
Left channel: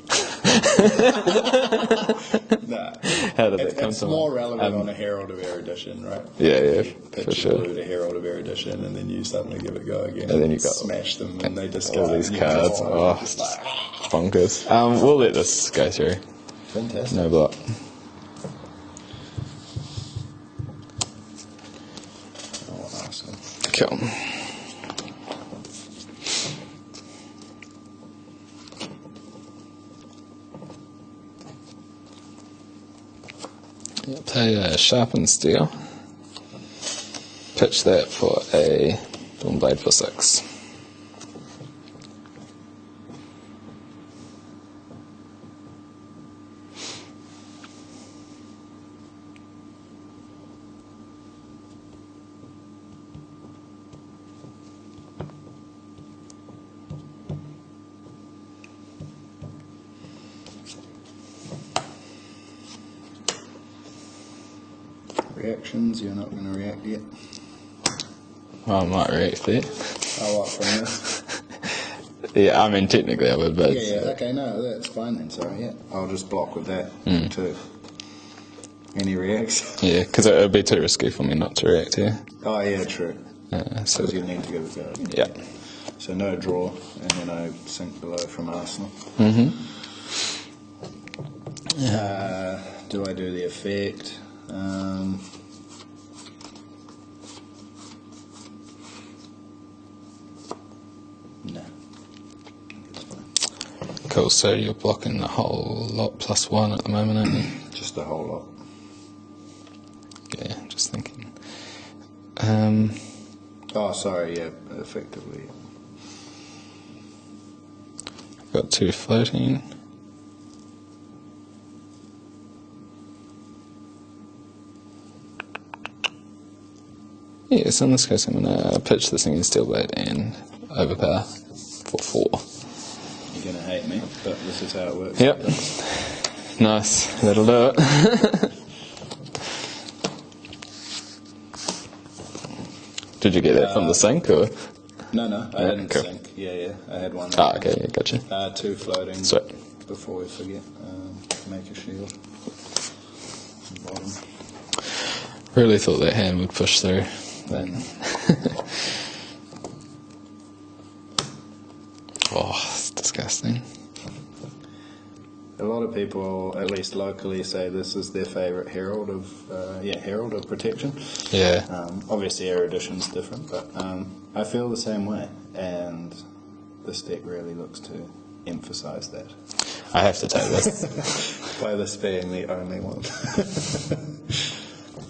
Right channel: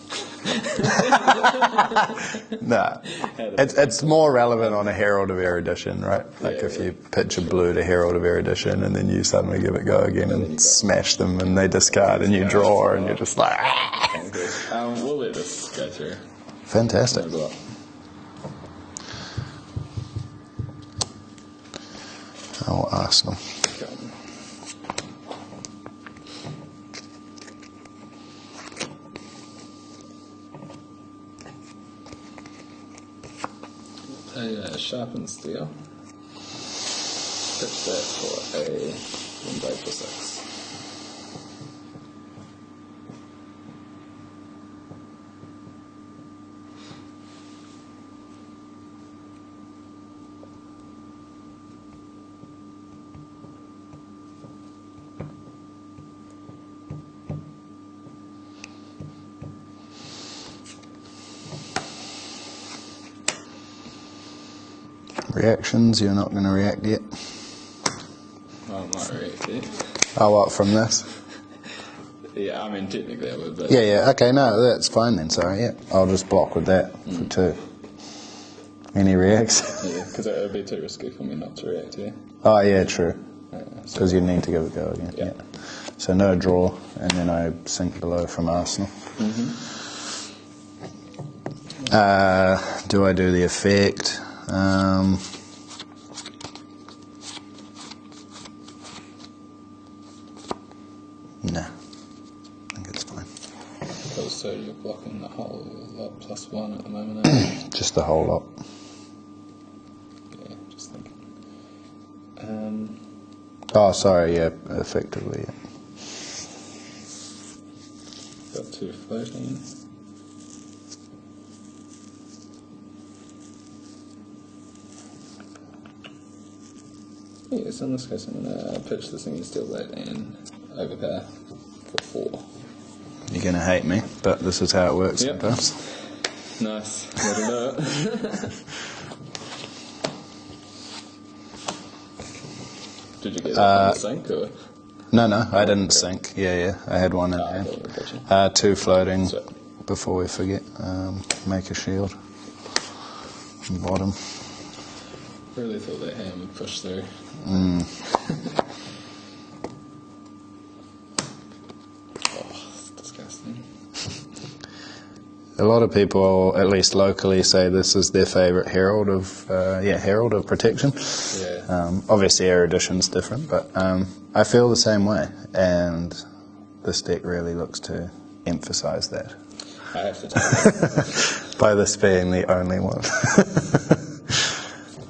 Nah, it's more relevant on a Herald of Erudition, right? Like if you pitch a blue to Herald of Erudition and then you suddenly give it go again and then you smash them and they discard and you draw and you're just like bonkers. We'll let this go through. Fantastic. No block. Oh, Arsenal. Cool. Play a sharpened steel. Pitch that for a dawn blade for 6. Reactions, you're not going to react yet? Well, I might react there. Oh, what, from this? Yeah, I mean, technically I would, but... Yeah, okay, no, that's fine then, sorry, yeah. I'll just block with that for 2. Any reacts? Yeah, because it would be too risky for me not to react here. Oh, yeah, true. So, Because you need to give it a go again. yeah. So no draw, and then I sink below from Arsenal. Do I do the effect? No. I think it's fine. Cool, so you're blocking the whole lot plus 1 at the moment, aren't you? Just the whole lot. Yeah, just thinking. Oh, sorry, yeah, effectively. Yeah. Got 2 floating. Yeah, so in this case I'm going to pitch this thing in steel blade and overpower for 4. You're going to hate me, but this is how it works. Yep. Sometimes. Nice, that'll do it. Did you get that from the sink or? No, I didn't cool. sink. Yeah, I had one. Oh, okay, yeah, gotcha. 2 floating. Sweet. Before we forget, make a shield. Bottom. Really thought that hand would push through. Oh, it's disgusting. A lot of people, at least locally, say this is their favourite herald of protection. Yeah. Obviously, erudition's different, but I feel the same way, and this deck really looks to emphasise that. I have to take this. By this being the only one.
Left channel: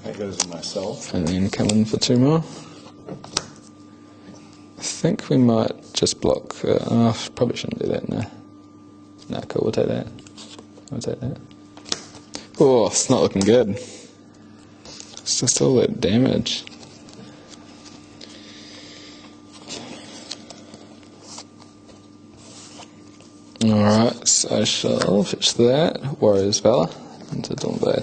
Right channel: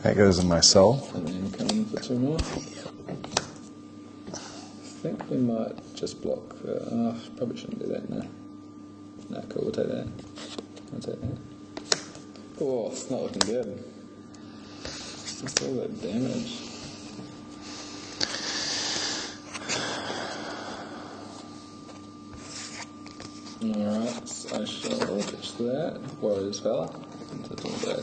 That goes in my soul. And then come in for 2 more. I think we might just block. Probably shouldn't do that, no. No, cool, we'll take that. We'll take that. Oh, it's not looking good. It's just all that damage. Alright, so I shall fetch that. Warrior's Valor into Dawn Blade.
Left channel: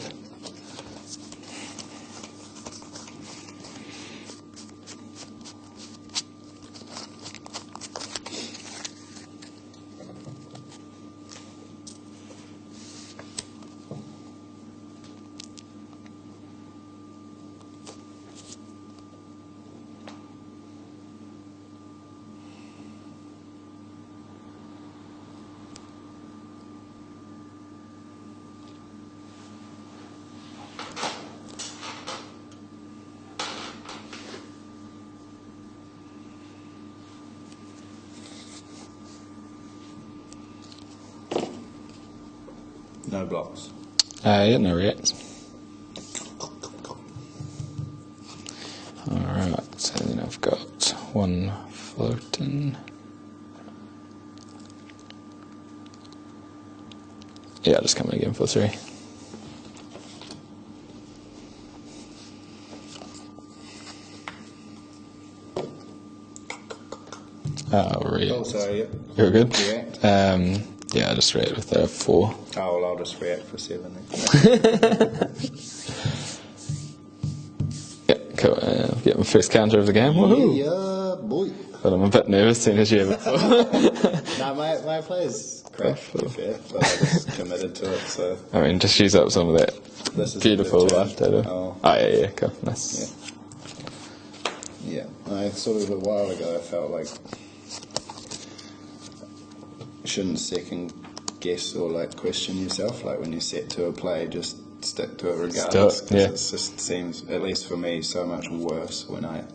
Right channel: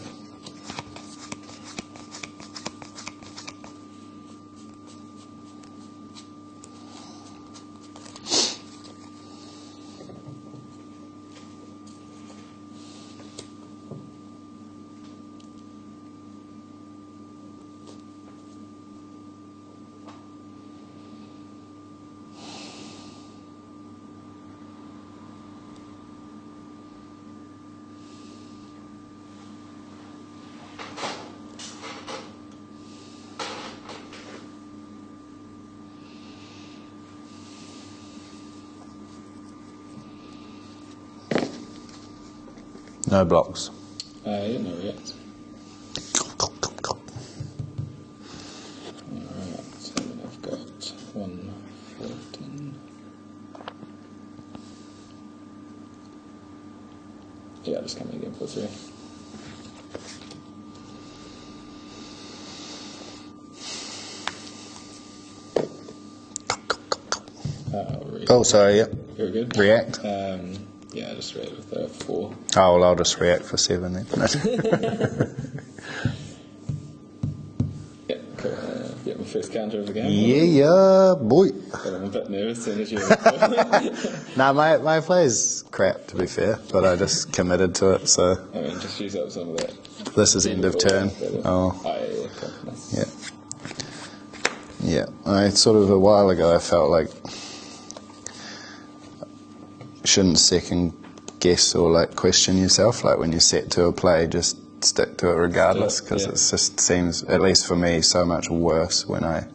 No blocks. Yeah, no react. Alright, so then I've got 1 floating. Yeah, I'll just come in again for 3. Oh, sorry, yeah. You're good? React? Yeah, I just react with a 4. Oh, well, I'll just react for 7 then. Yeah, cool. Get my first counter of the game. Yeah, boy. But I'm a bit nervous seeing as you have before. No, my play's crap, to be fair, but I just committed to it, so... I mean, just use up some of that. This is end of Beautiful turn. data. Oh, Yeah, cool. Nice. yeah. I sort of, a while ago, I felt like shouldn't second guess or like question yourself, like when you're set to a play, just stick to it regardless, because yeah. it just seems, at least for me, so much worse when I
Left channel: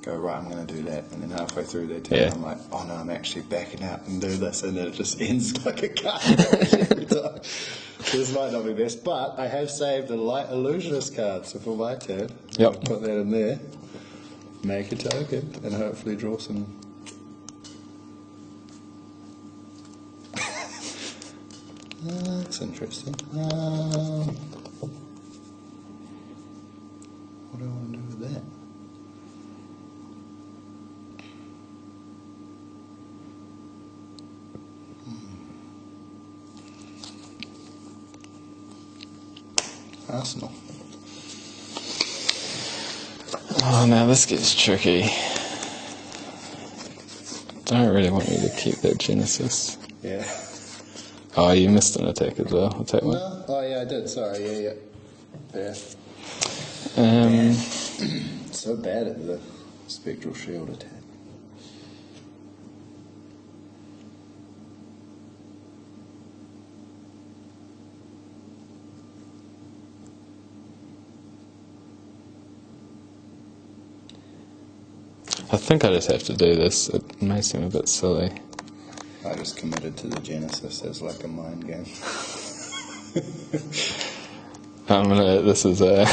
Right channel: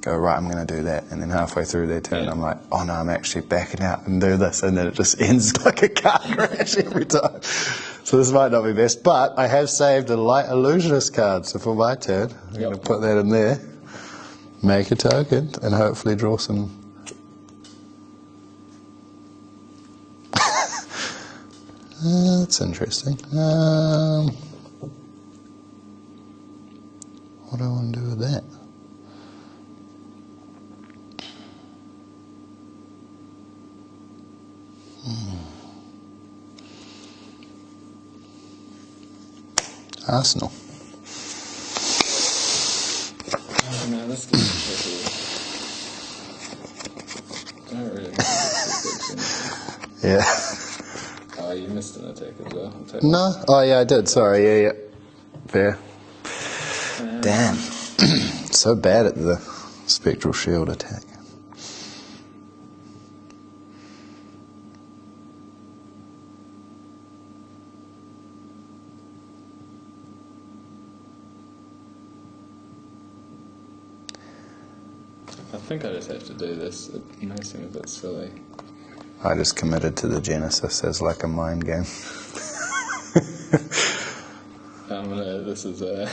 go, right, I'm going to do that, and then halfway through their turn, Yeah. I'm like, oh no, I'm actually backing out and do this, and then it just ends like a car crash every time. So this might not be best, but I have saved a light illusionist card, so for my turn, I'm going to put that in there, make a token, and hopefully draw some. That's interesting. What do I want to do with that? Arsenal. Oh, now this gets tricky. Don't really want you to keep that Genesis. Yeah. Oh, you missed an attack as well. I'll take one. No? Oh, yeah, I did. Sorry. Yeah. Fair. Damn. So bad at the spectral shield attack. I think I just have to do this. It may seem a bit silly. I just committed to the Genesis as like a mind game. This is a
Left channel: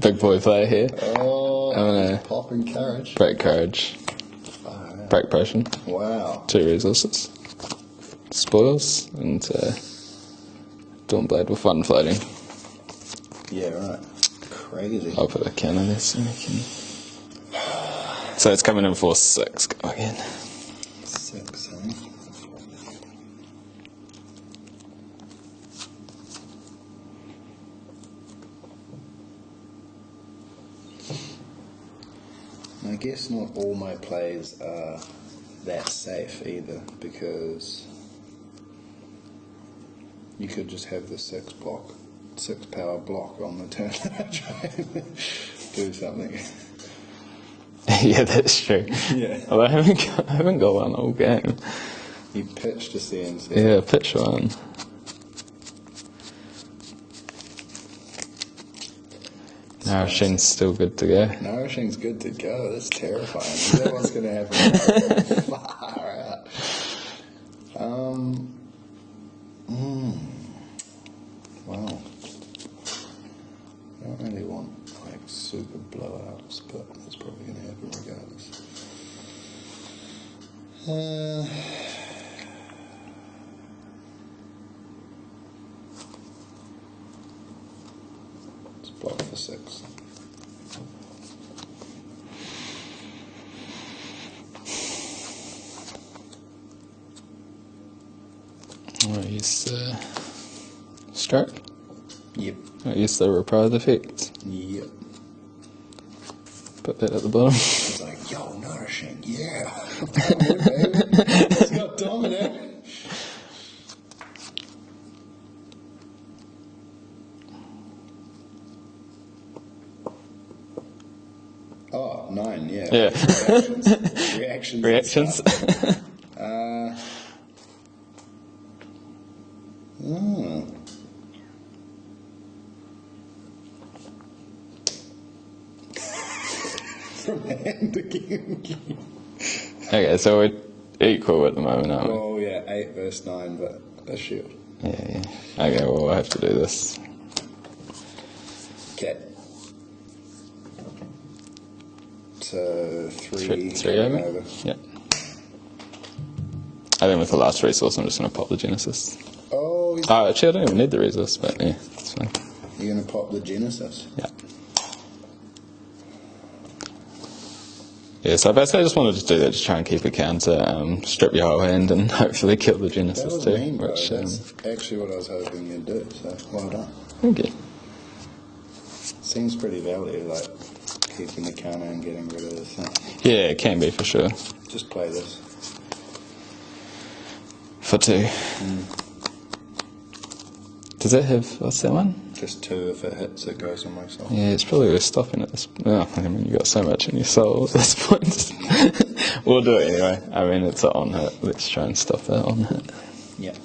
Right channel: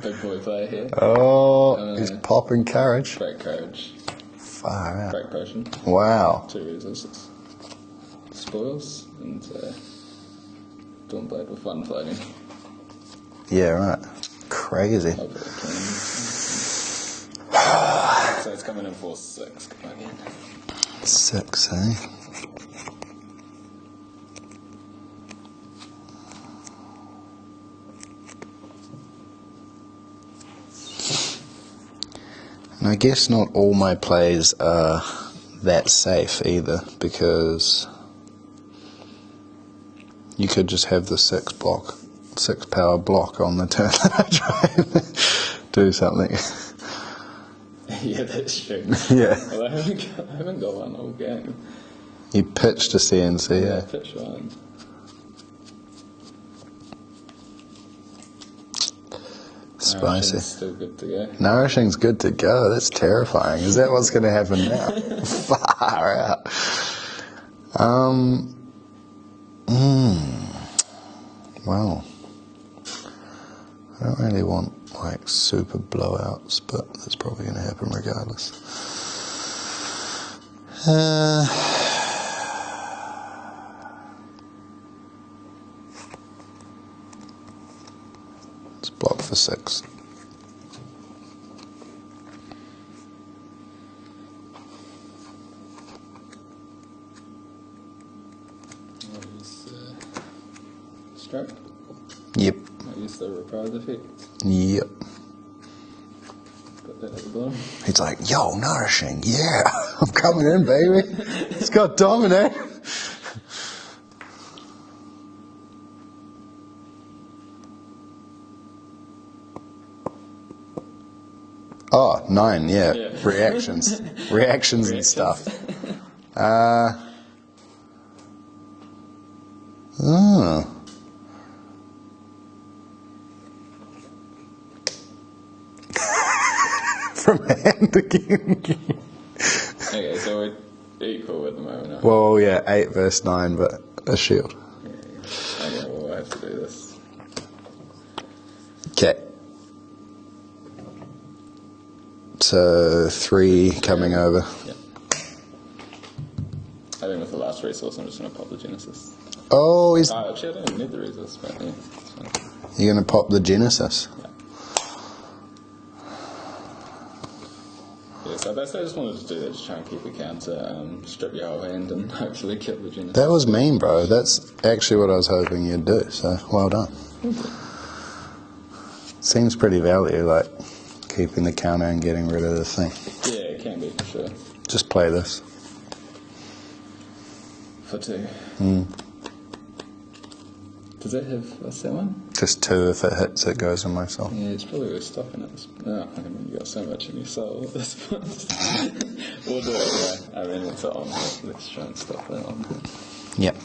big boy play here. Oh, he's popping courage. Break courage. Far out. Break potion. Wow. 2 resources. Spoils and Dawnblade with 1 floating. Yeah, right. Crazy. I'll put a cannon in. So it's coming in for 6. Go again. 6, eh? And I guess not all my plays are that safe either, because you could just have the 6 power block on the turn that I try and do something. Yeah, that's true. Yeah. Well, I haven't got one all game. You pitch to CNC. Yeah, pitch one. Nourishing's still good to go. Nourishing's good to go. That's terrifying. Is that what's going to happen now? Far out. Well, I don't really want like super blowouts, but that's probably going to happen regardless. Let's block for 6. I'll use the stroke. Yep. I'll use the reprise effect. Yep. Put that at the bottom. He's like, yo, nourishing, yeah. I'm coming in, baby. It's got dominate. Oh, 9, yeah. Reactions. Reactions and stuff. Oh. From hand again. Okay, so we're equal at the moment, aren't we? Well, yeah, 8 versus 9, but a shield. Yeah. Okay, well, we'll have to do this. Okay. So 3 coming over. Yeah. I think with the last resource, I'm just going to pop the Genesis. Oh, Actually, I don't even need the resource, but yeah, it's fine. You're going to pop the Genesis? Yeah. Yeah, so basically I just wanted to do that, just try and keep a counter, strip your whole hand and hopefully kill the Genesis. That was mean, bro. That's actually what I was hoping you'd do, so well done. Thank you. Seems pretty value, like keeping the counter and getting rid of the thing. Yeah, it can be for sure. Just play this. For 2. Does it have, what's that one? Just 2, if it hits, it goes in my soul. Yeah, it's probably worth stopping at this. Oh, I mean, you've got so much in your soul at this point. We'll do it anyway. I mean, it's an on hit. Let's try and stop that on hit. Yep.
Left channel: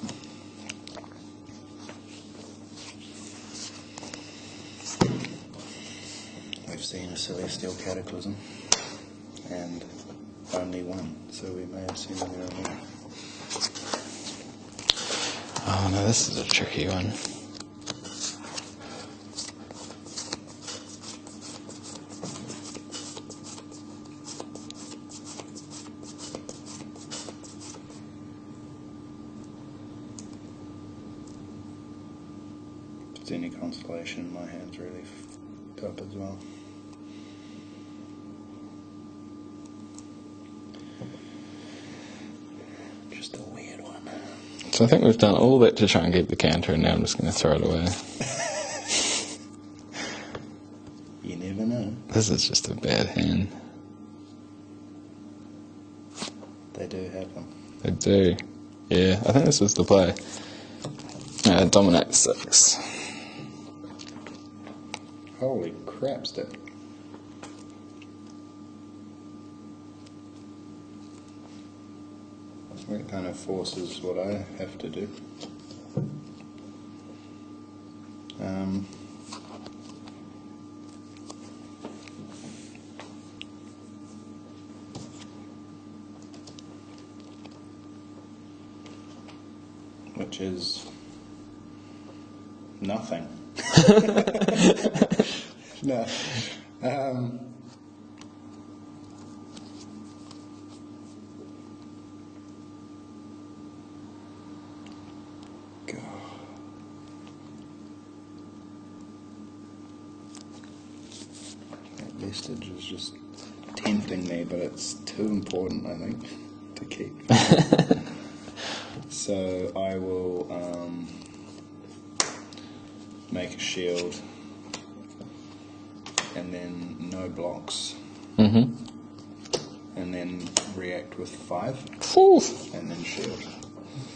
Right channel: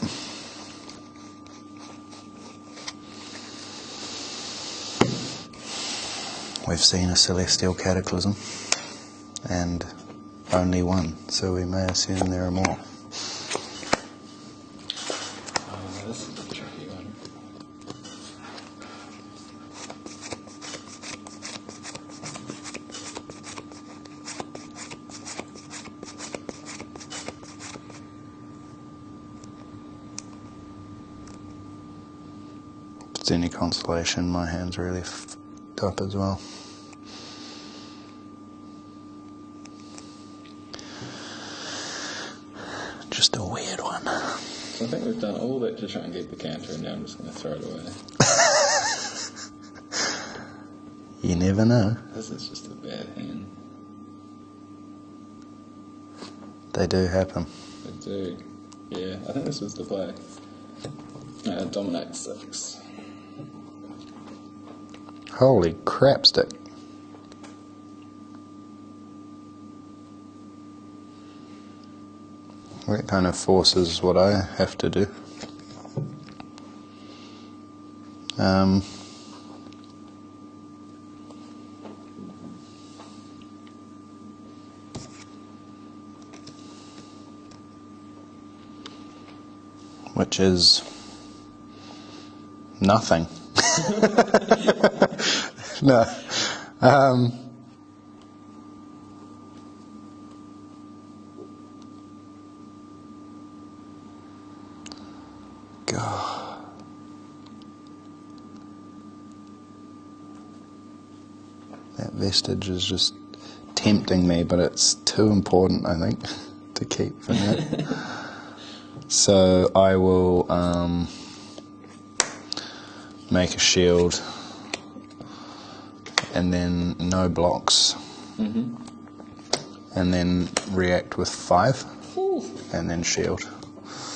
we've seen a celestial cataclysm, and only one, so we may assume there are more. Oh no, this is a tricky one. If it's any consolation, my hand's really f***ed up as well. Just a weird one. So I think we've done all that to try and get the counter, and now I'm just going to throw it away. You never know. This is just a bad hand. They do happen. They do. Yeah, I think this was the play. Dominate 6. Holy crap stick. That kind of forces what I have to do. Which is nothing. No. God. That vestige is just tempting me, but it's too important, I think, to keep. So I will make a shield and then no blocks. And then react with 5. Ooh. And then shield.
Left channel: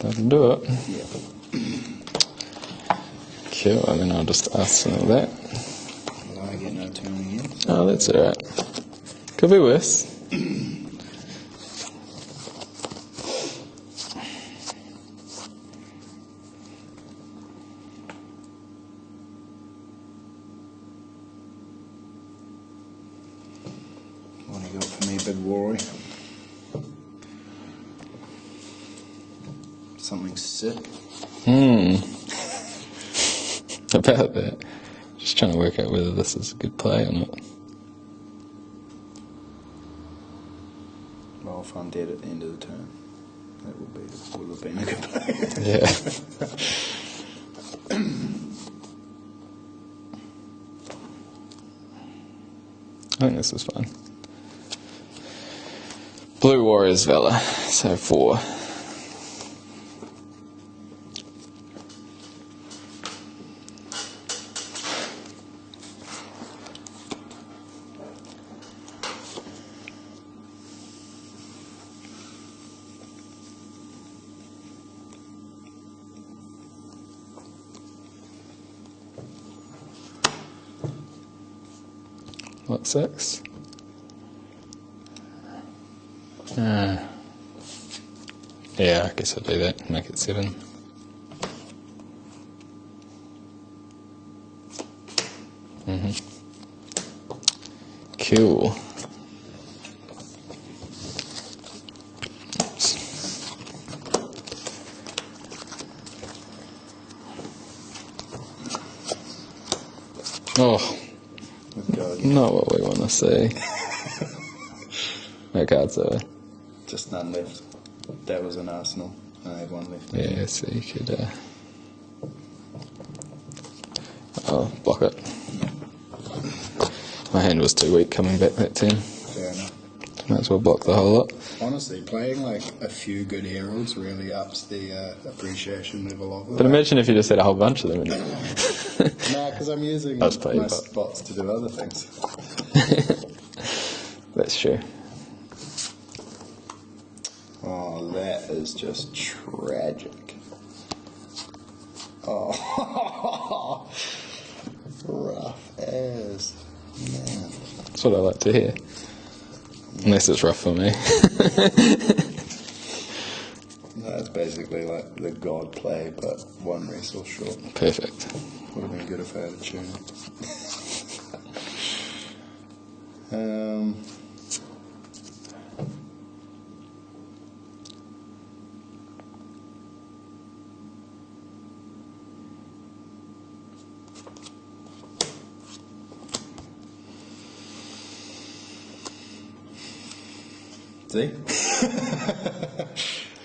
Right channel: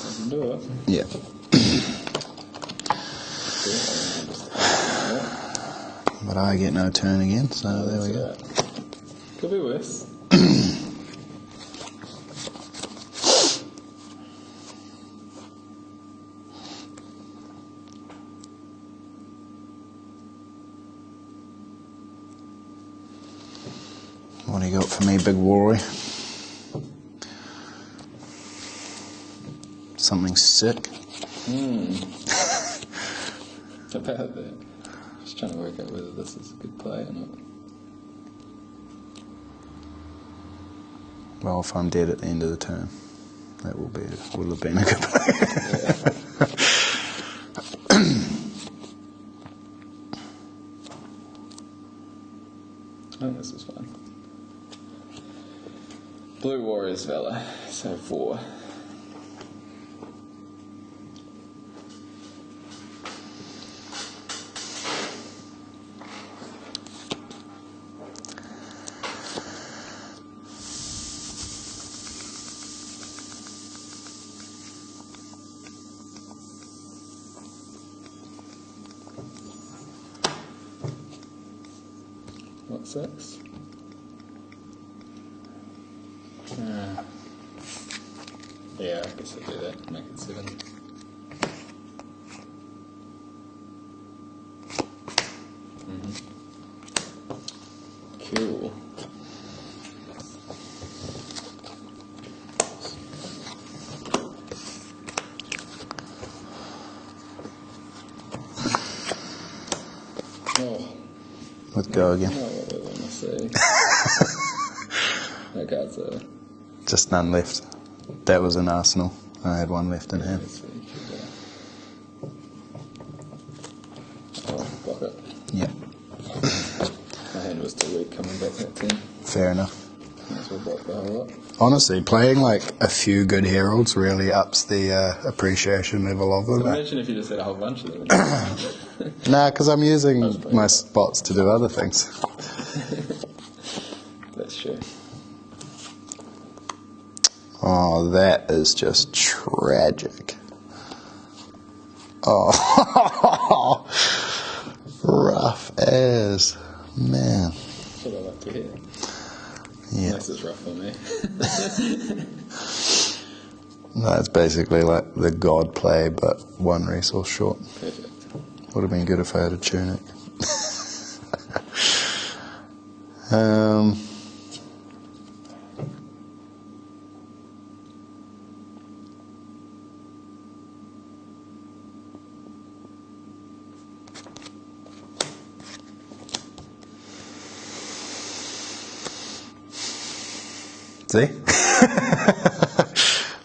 That'll do it. Yeah. Sure, and then I'll just ask you that. But I get no turn again. So Oh, that's alright. Could be worse. What do you got for me, big Rory? Something sick? About that. Just trying to work out whether this is a good play or not. Well, if I'm dead at the end of the turn, that will have been a good play. Yeah. I think this is fine. Blue Warriors Valor, so 4. What, 6? Yeah, I guess I'll do that. Make it 7. Cool. Oh, Let's go again. not what we want to see. No cards over. Just none left. That was an Arsenal. I had one left in Yeah, there. so you could block it. Yeah. My hand was too weak coming back that turn. Fair enough. Might as well block the whole lot. Honestly, playing like a few good heralds really ups the appreciation level of them. But imagine if you just had a whole bunch of them. Nah, because I'm using I'll just play my your part. spots to do other things. That's true. Oh, that is just tragic. Oh, rough as man. That's what I like to hear. Yeah. Unless it's rough for me. No, it's basically like the god play, but one resource short. Perfect. Would have been good if I had a tunic. See?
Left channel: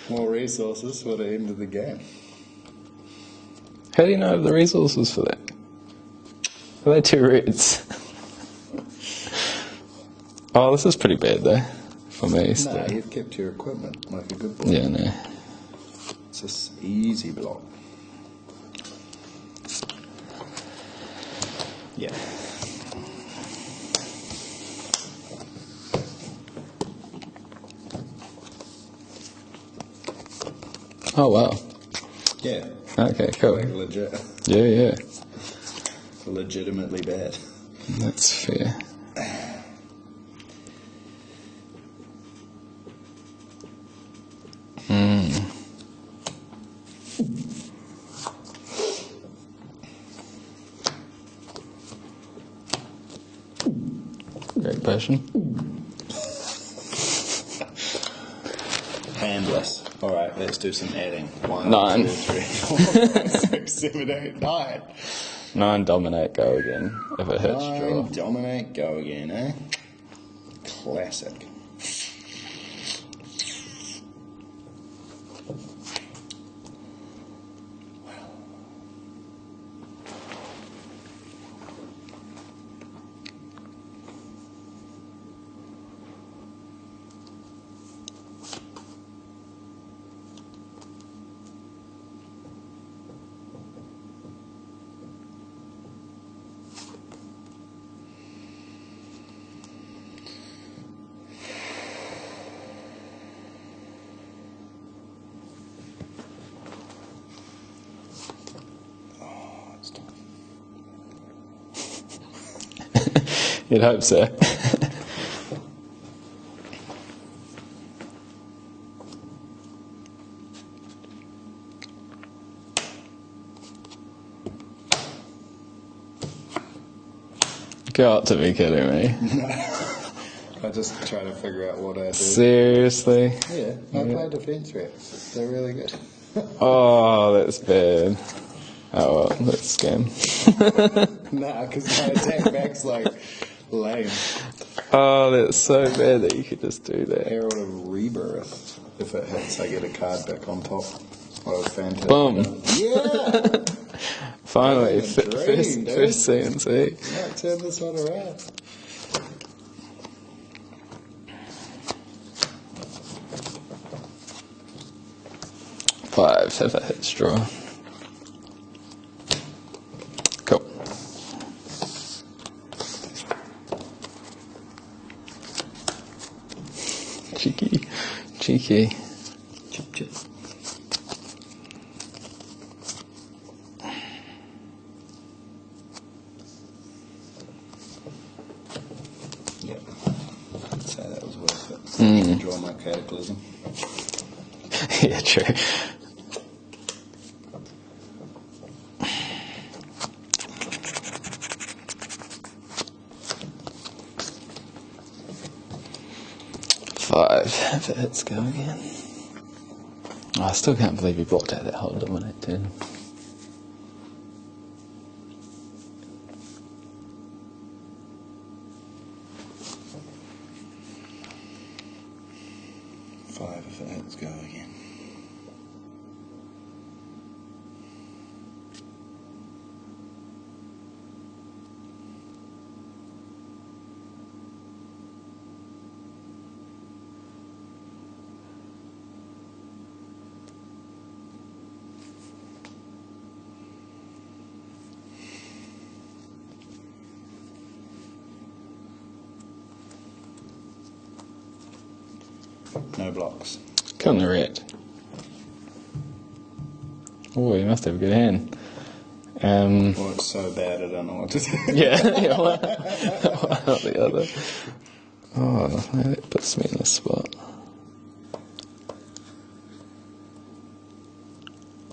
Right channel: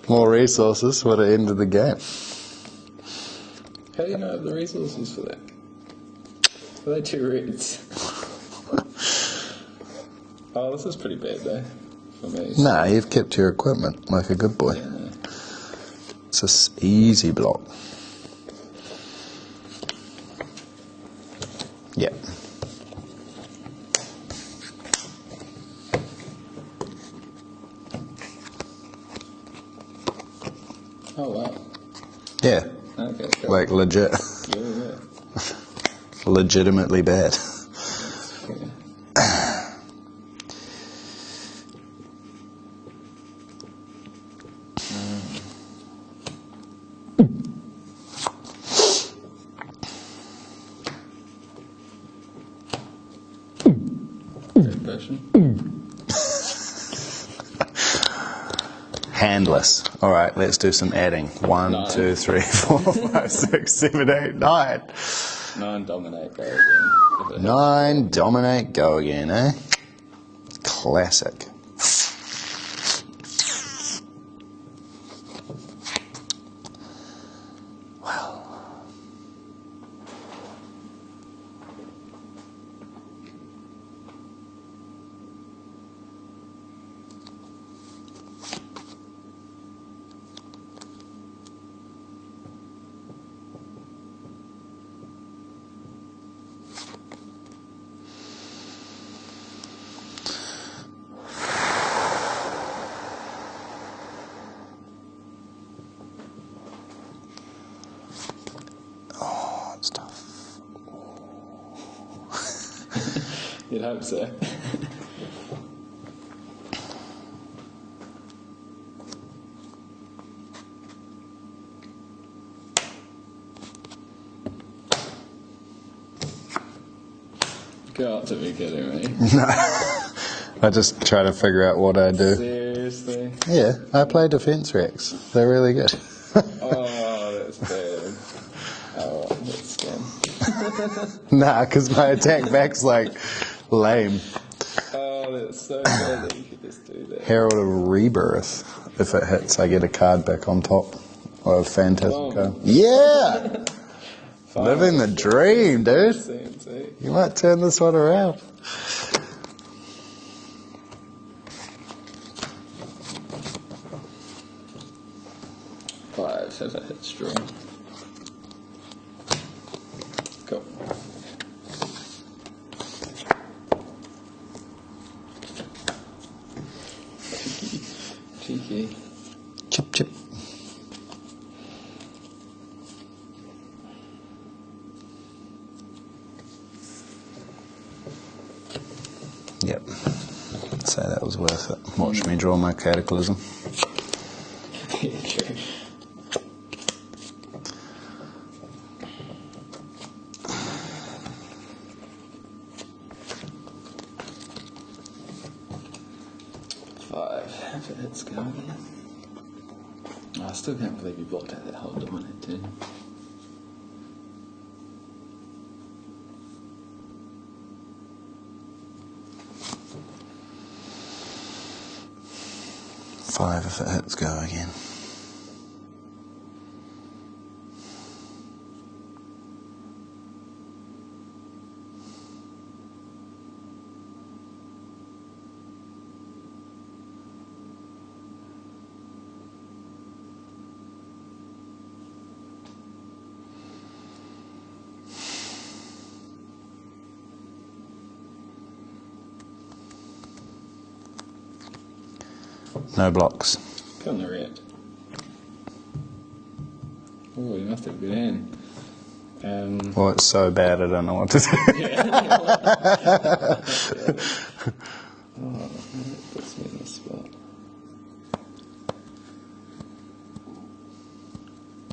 More resources would have ended the game. How do you know of the resources for that? Are they 2 reds? Oh, this is pretty bad though, for me. So. Nah, you've kept your equipment like a good boy. Yeah, no. It's an easy block. Yeah. Oh, wow. Yeah. Okay, cool. Like legit. Yeah. Legitimately bad. That's fair. Great passion. Handless. All right, let's do some adding. 1, 9. 2, 3, 4, 5, 6, 7, 8, 9. 9 dominate, go again. If it hits 9 draw. dominate, go again, eh? Classic. It's tough. You'd hope so. Got to be kidding me. I just try to figure out what I do. Seriously? Yeah, I play defense racks. They're really good. Oh, that's bad. Oh, well, that's scam. Nah, because my attack back's like lame. Oh, that's so bad that you could just do that. Herald of Rebirth. If it hits, I get a card back on top. Or a fantastic Boom. card. Yeah! Finally, Living the dream, dude. CNC. You might turn this one around. Five, if it hits draw. Cool. Cheeky. Chip. Yep. I'd say that was worth it. Watch me draw my cataclysm. Yeah, true. Five, if it hits, go again. Oh, I still can't believe you blocked out that whole dominate turn. Five, if it hits, go again. No blocks. Come the red. Oh, you must have a good hand. Well, it's so bad I don't know what to do. Yeah, one or the other. Oh, that puts me in this spot.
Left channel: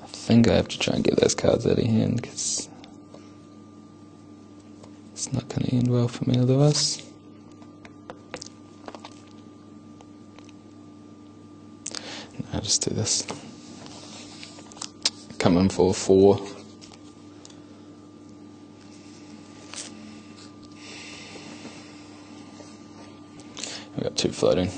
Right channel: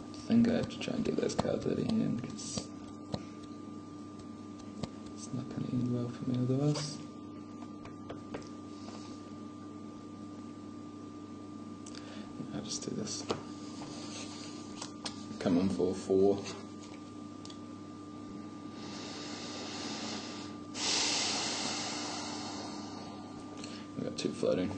I think I have to try and get those cards out of hand because it's not going to end well for me otherwise. just do this. Come in for 4. We've got 2 floating.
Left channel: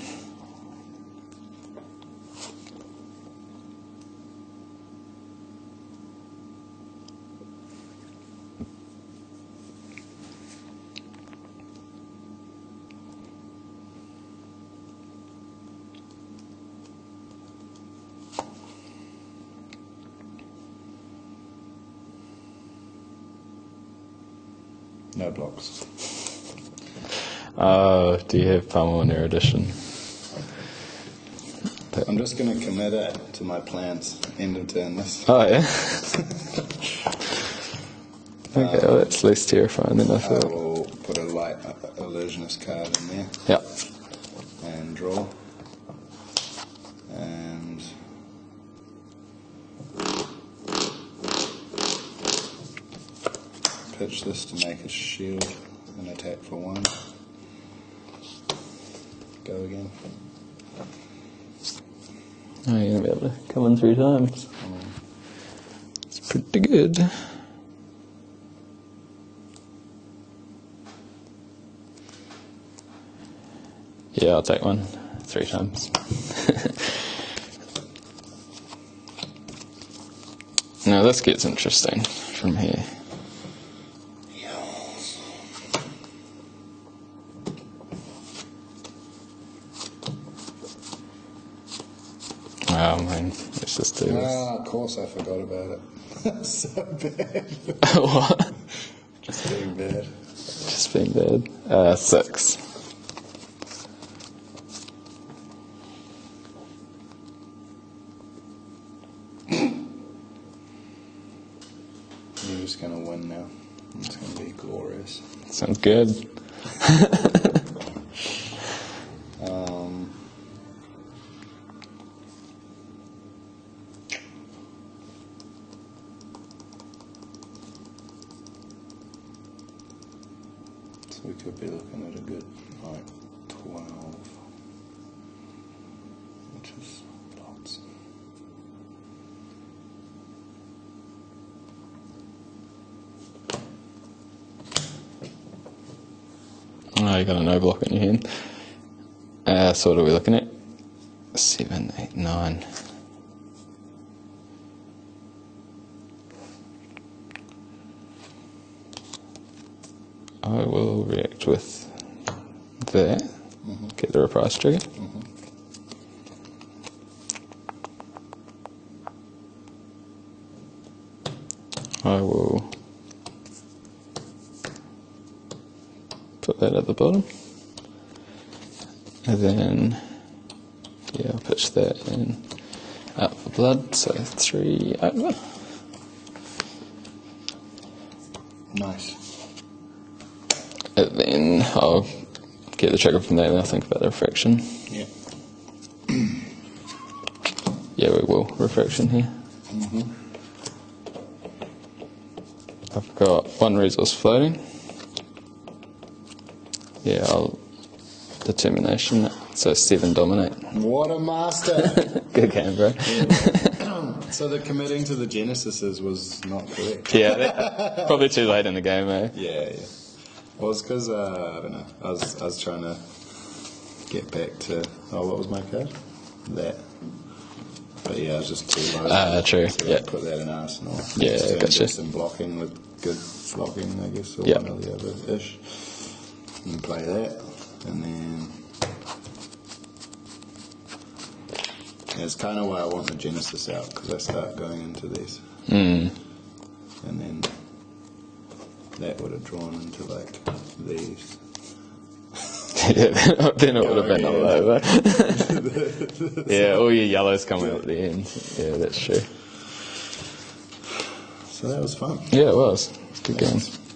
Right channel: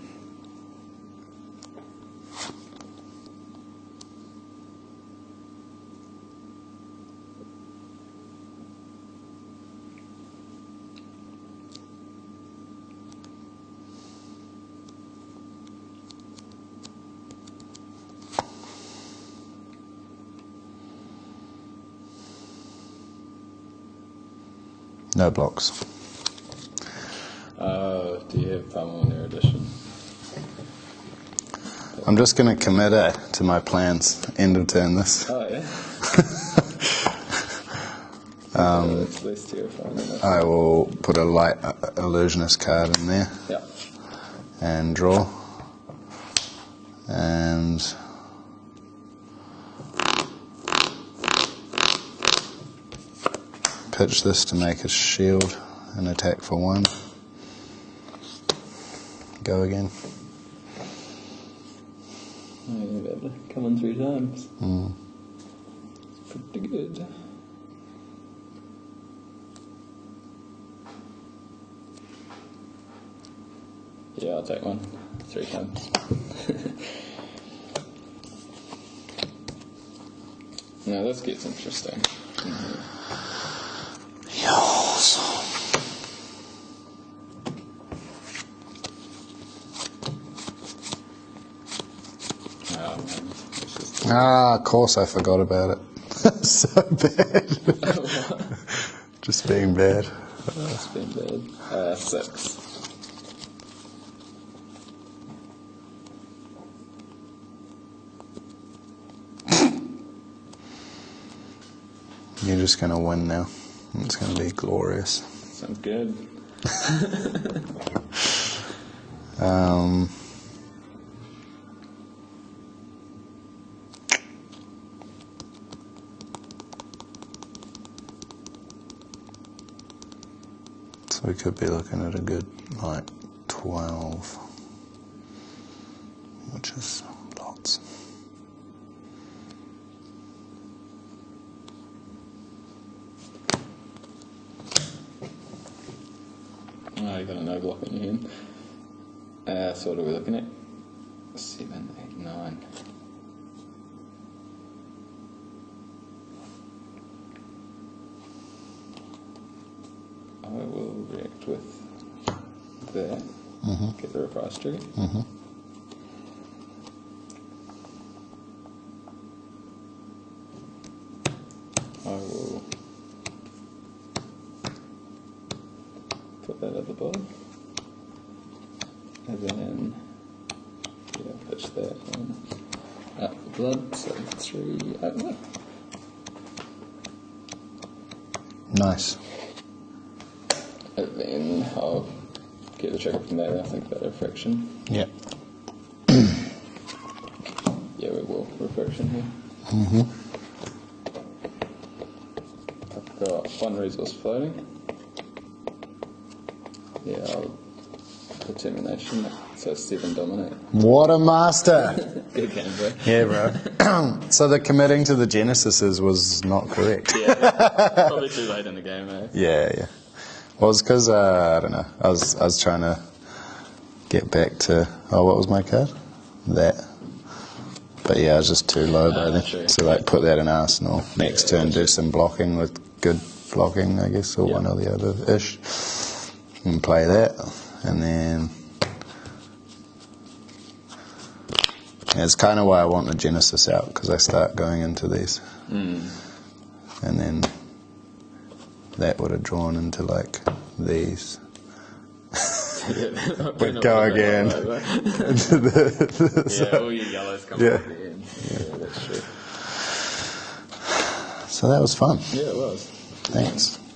No blocks. Oh, do you have palm on your edition? I'm just going to commit to my plans. End of turn this. Oh, yeah? Okay, well, that's less terrifying than I I thought. will put a light illusionist card in there Yeah. and draw. And pitch this to make a shield and attack for 1. Go again. Oh, you're going to be able to come in 3 times. It's pretty good. Yeah, I'll take 1 3 times. Now this gets interesting from here. Yos. Oh man, let's just do this. Of course I forgot about it. So bad. What? Just being bad. That's been bad. 6. You're just going to win now. It's going to be glorious. Sounds good. So we could be looking at a good, like, 12, which is lots. Oh, you got a no block in your hand. So what are we looking at? 7, 8, 9. I will react with that. Get the reprise trigger. I will put that at the bottom. And then, yeah, I'll pitch that in out for blood, so 3 over. Nice. And then I'll get the trigger from there and I'll think about the refraction. Yeah. Yeah, we will. Refraction here. I've got 1 resource floating. Yeah, I'll determination that. So 7 dominate. What a master! Good game, bro. Yeah, bro. So the committing to the Genesises was not correct. Yeah, probably too late in the game, eh? Yeah. Well, it's because, I don't know, I was trying to get back to, what was my card? That. But yeah, I was just too low there. True. So like put that in Arsenal. Next turn, gotcha. just some blocking with good blocking, I guess, or Yeah. one or the other-ish. And play that. And then... Yeah, it's kind of why I want the Genesis out, because I start going into these. And then that would have drawn into like these. Then it Go would have been all again. over. Yeah, all your yellows come up at the end. Yeah, that's true. So that was fun. Yeah, it was. Good Thanks. game.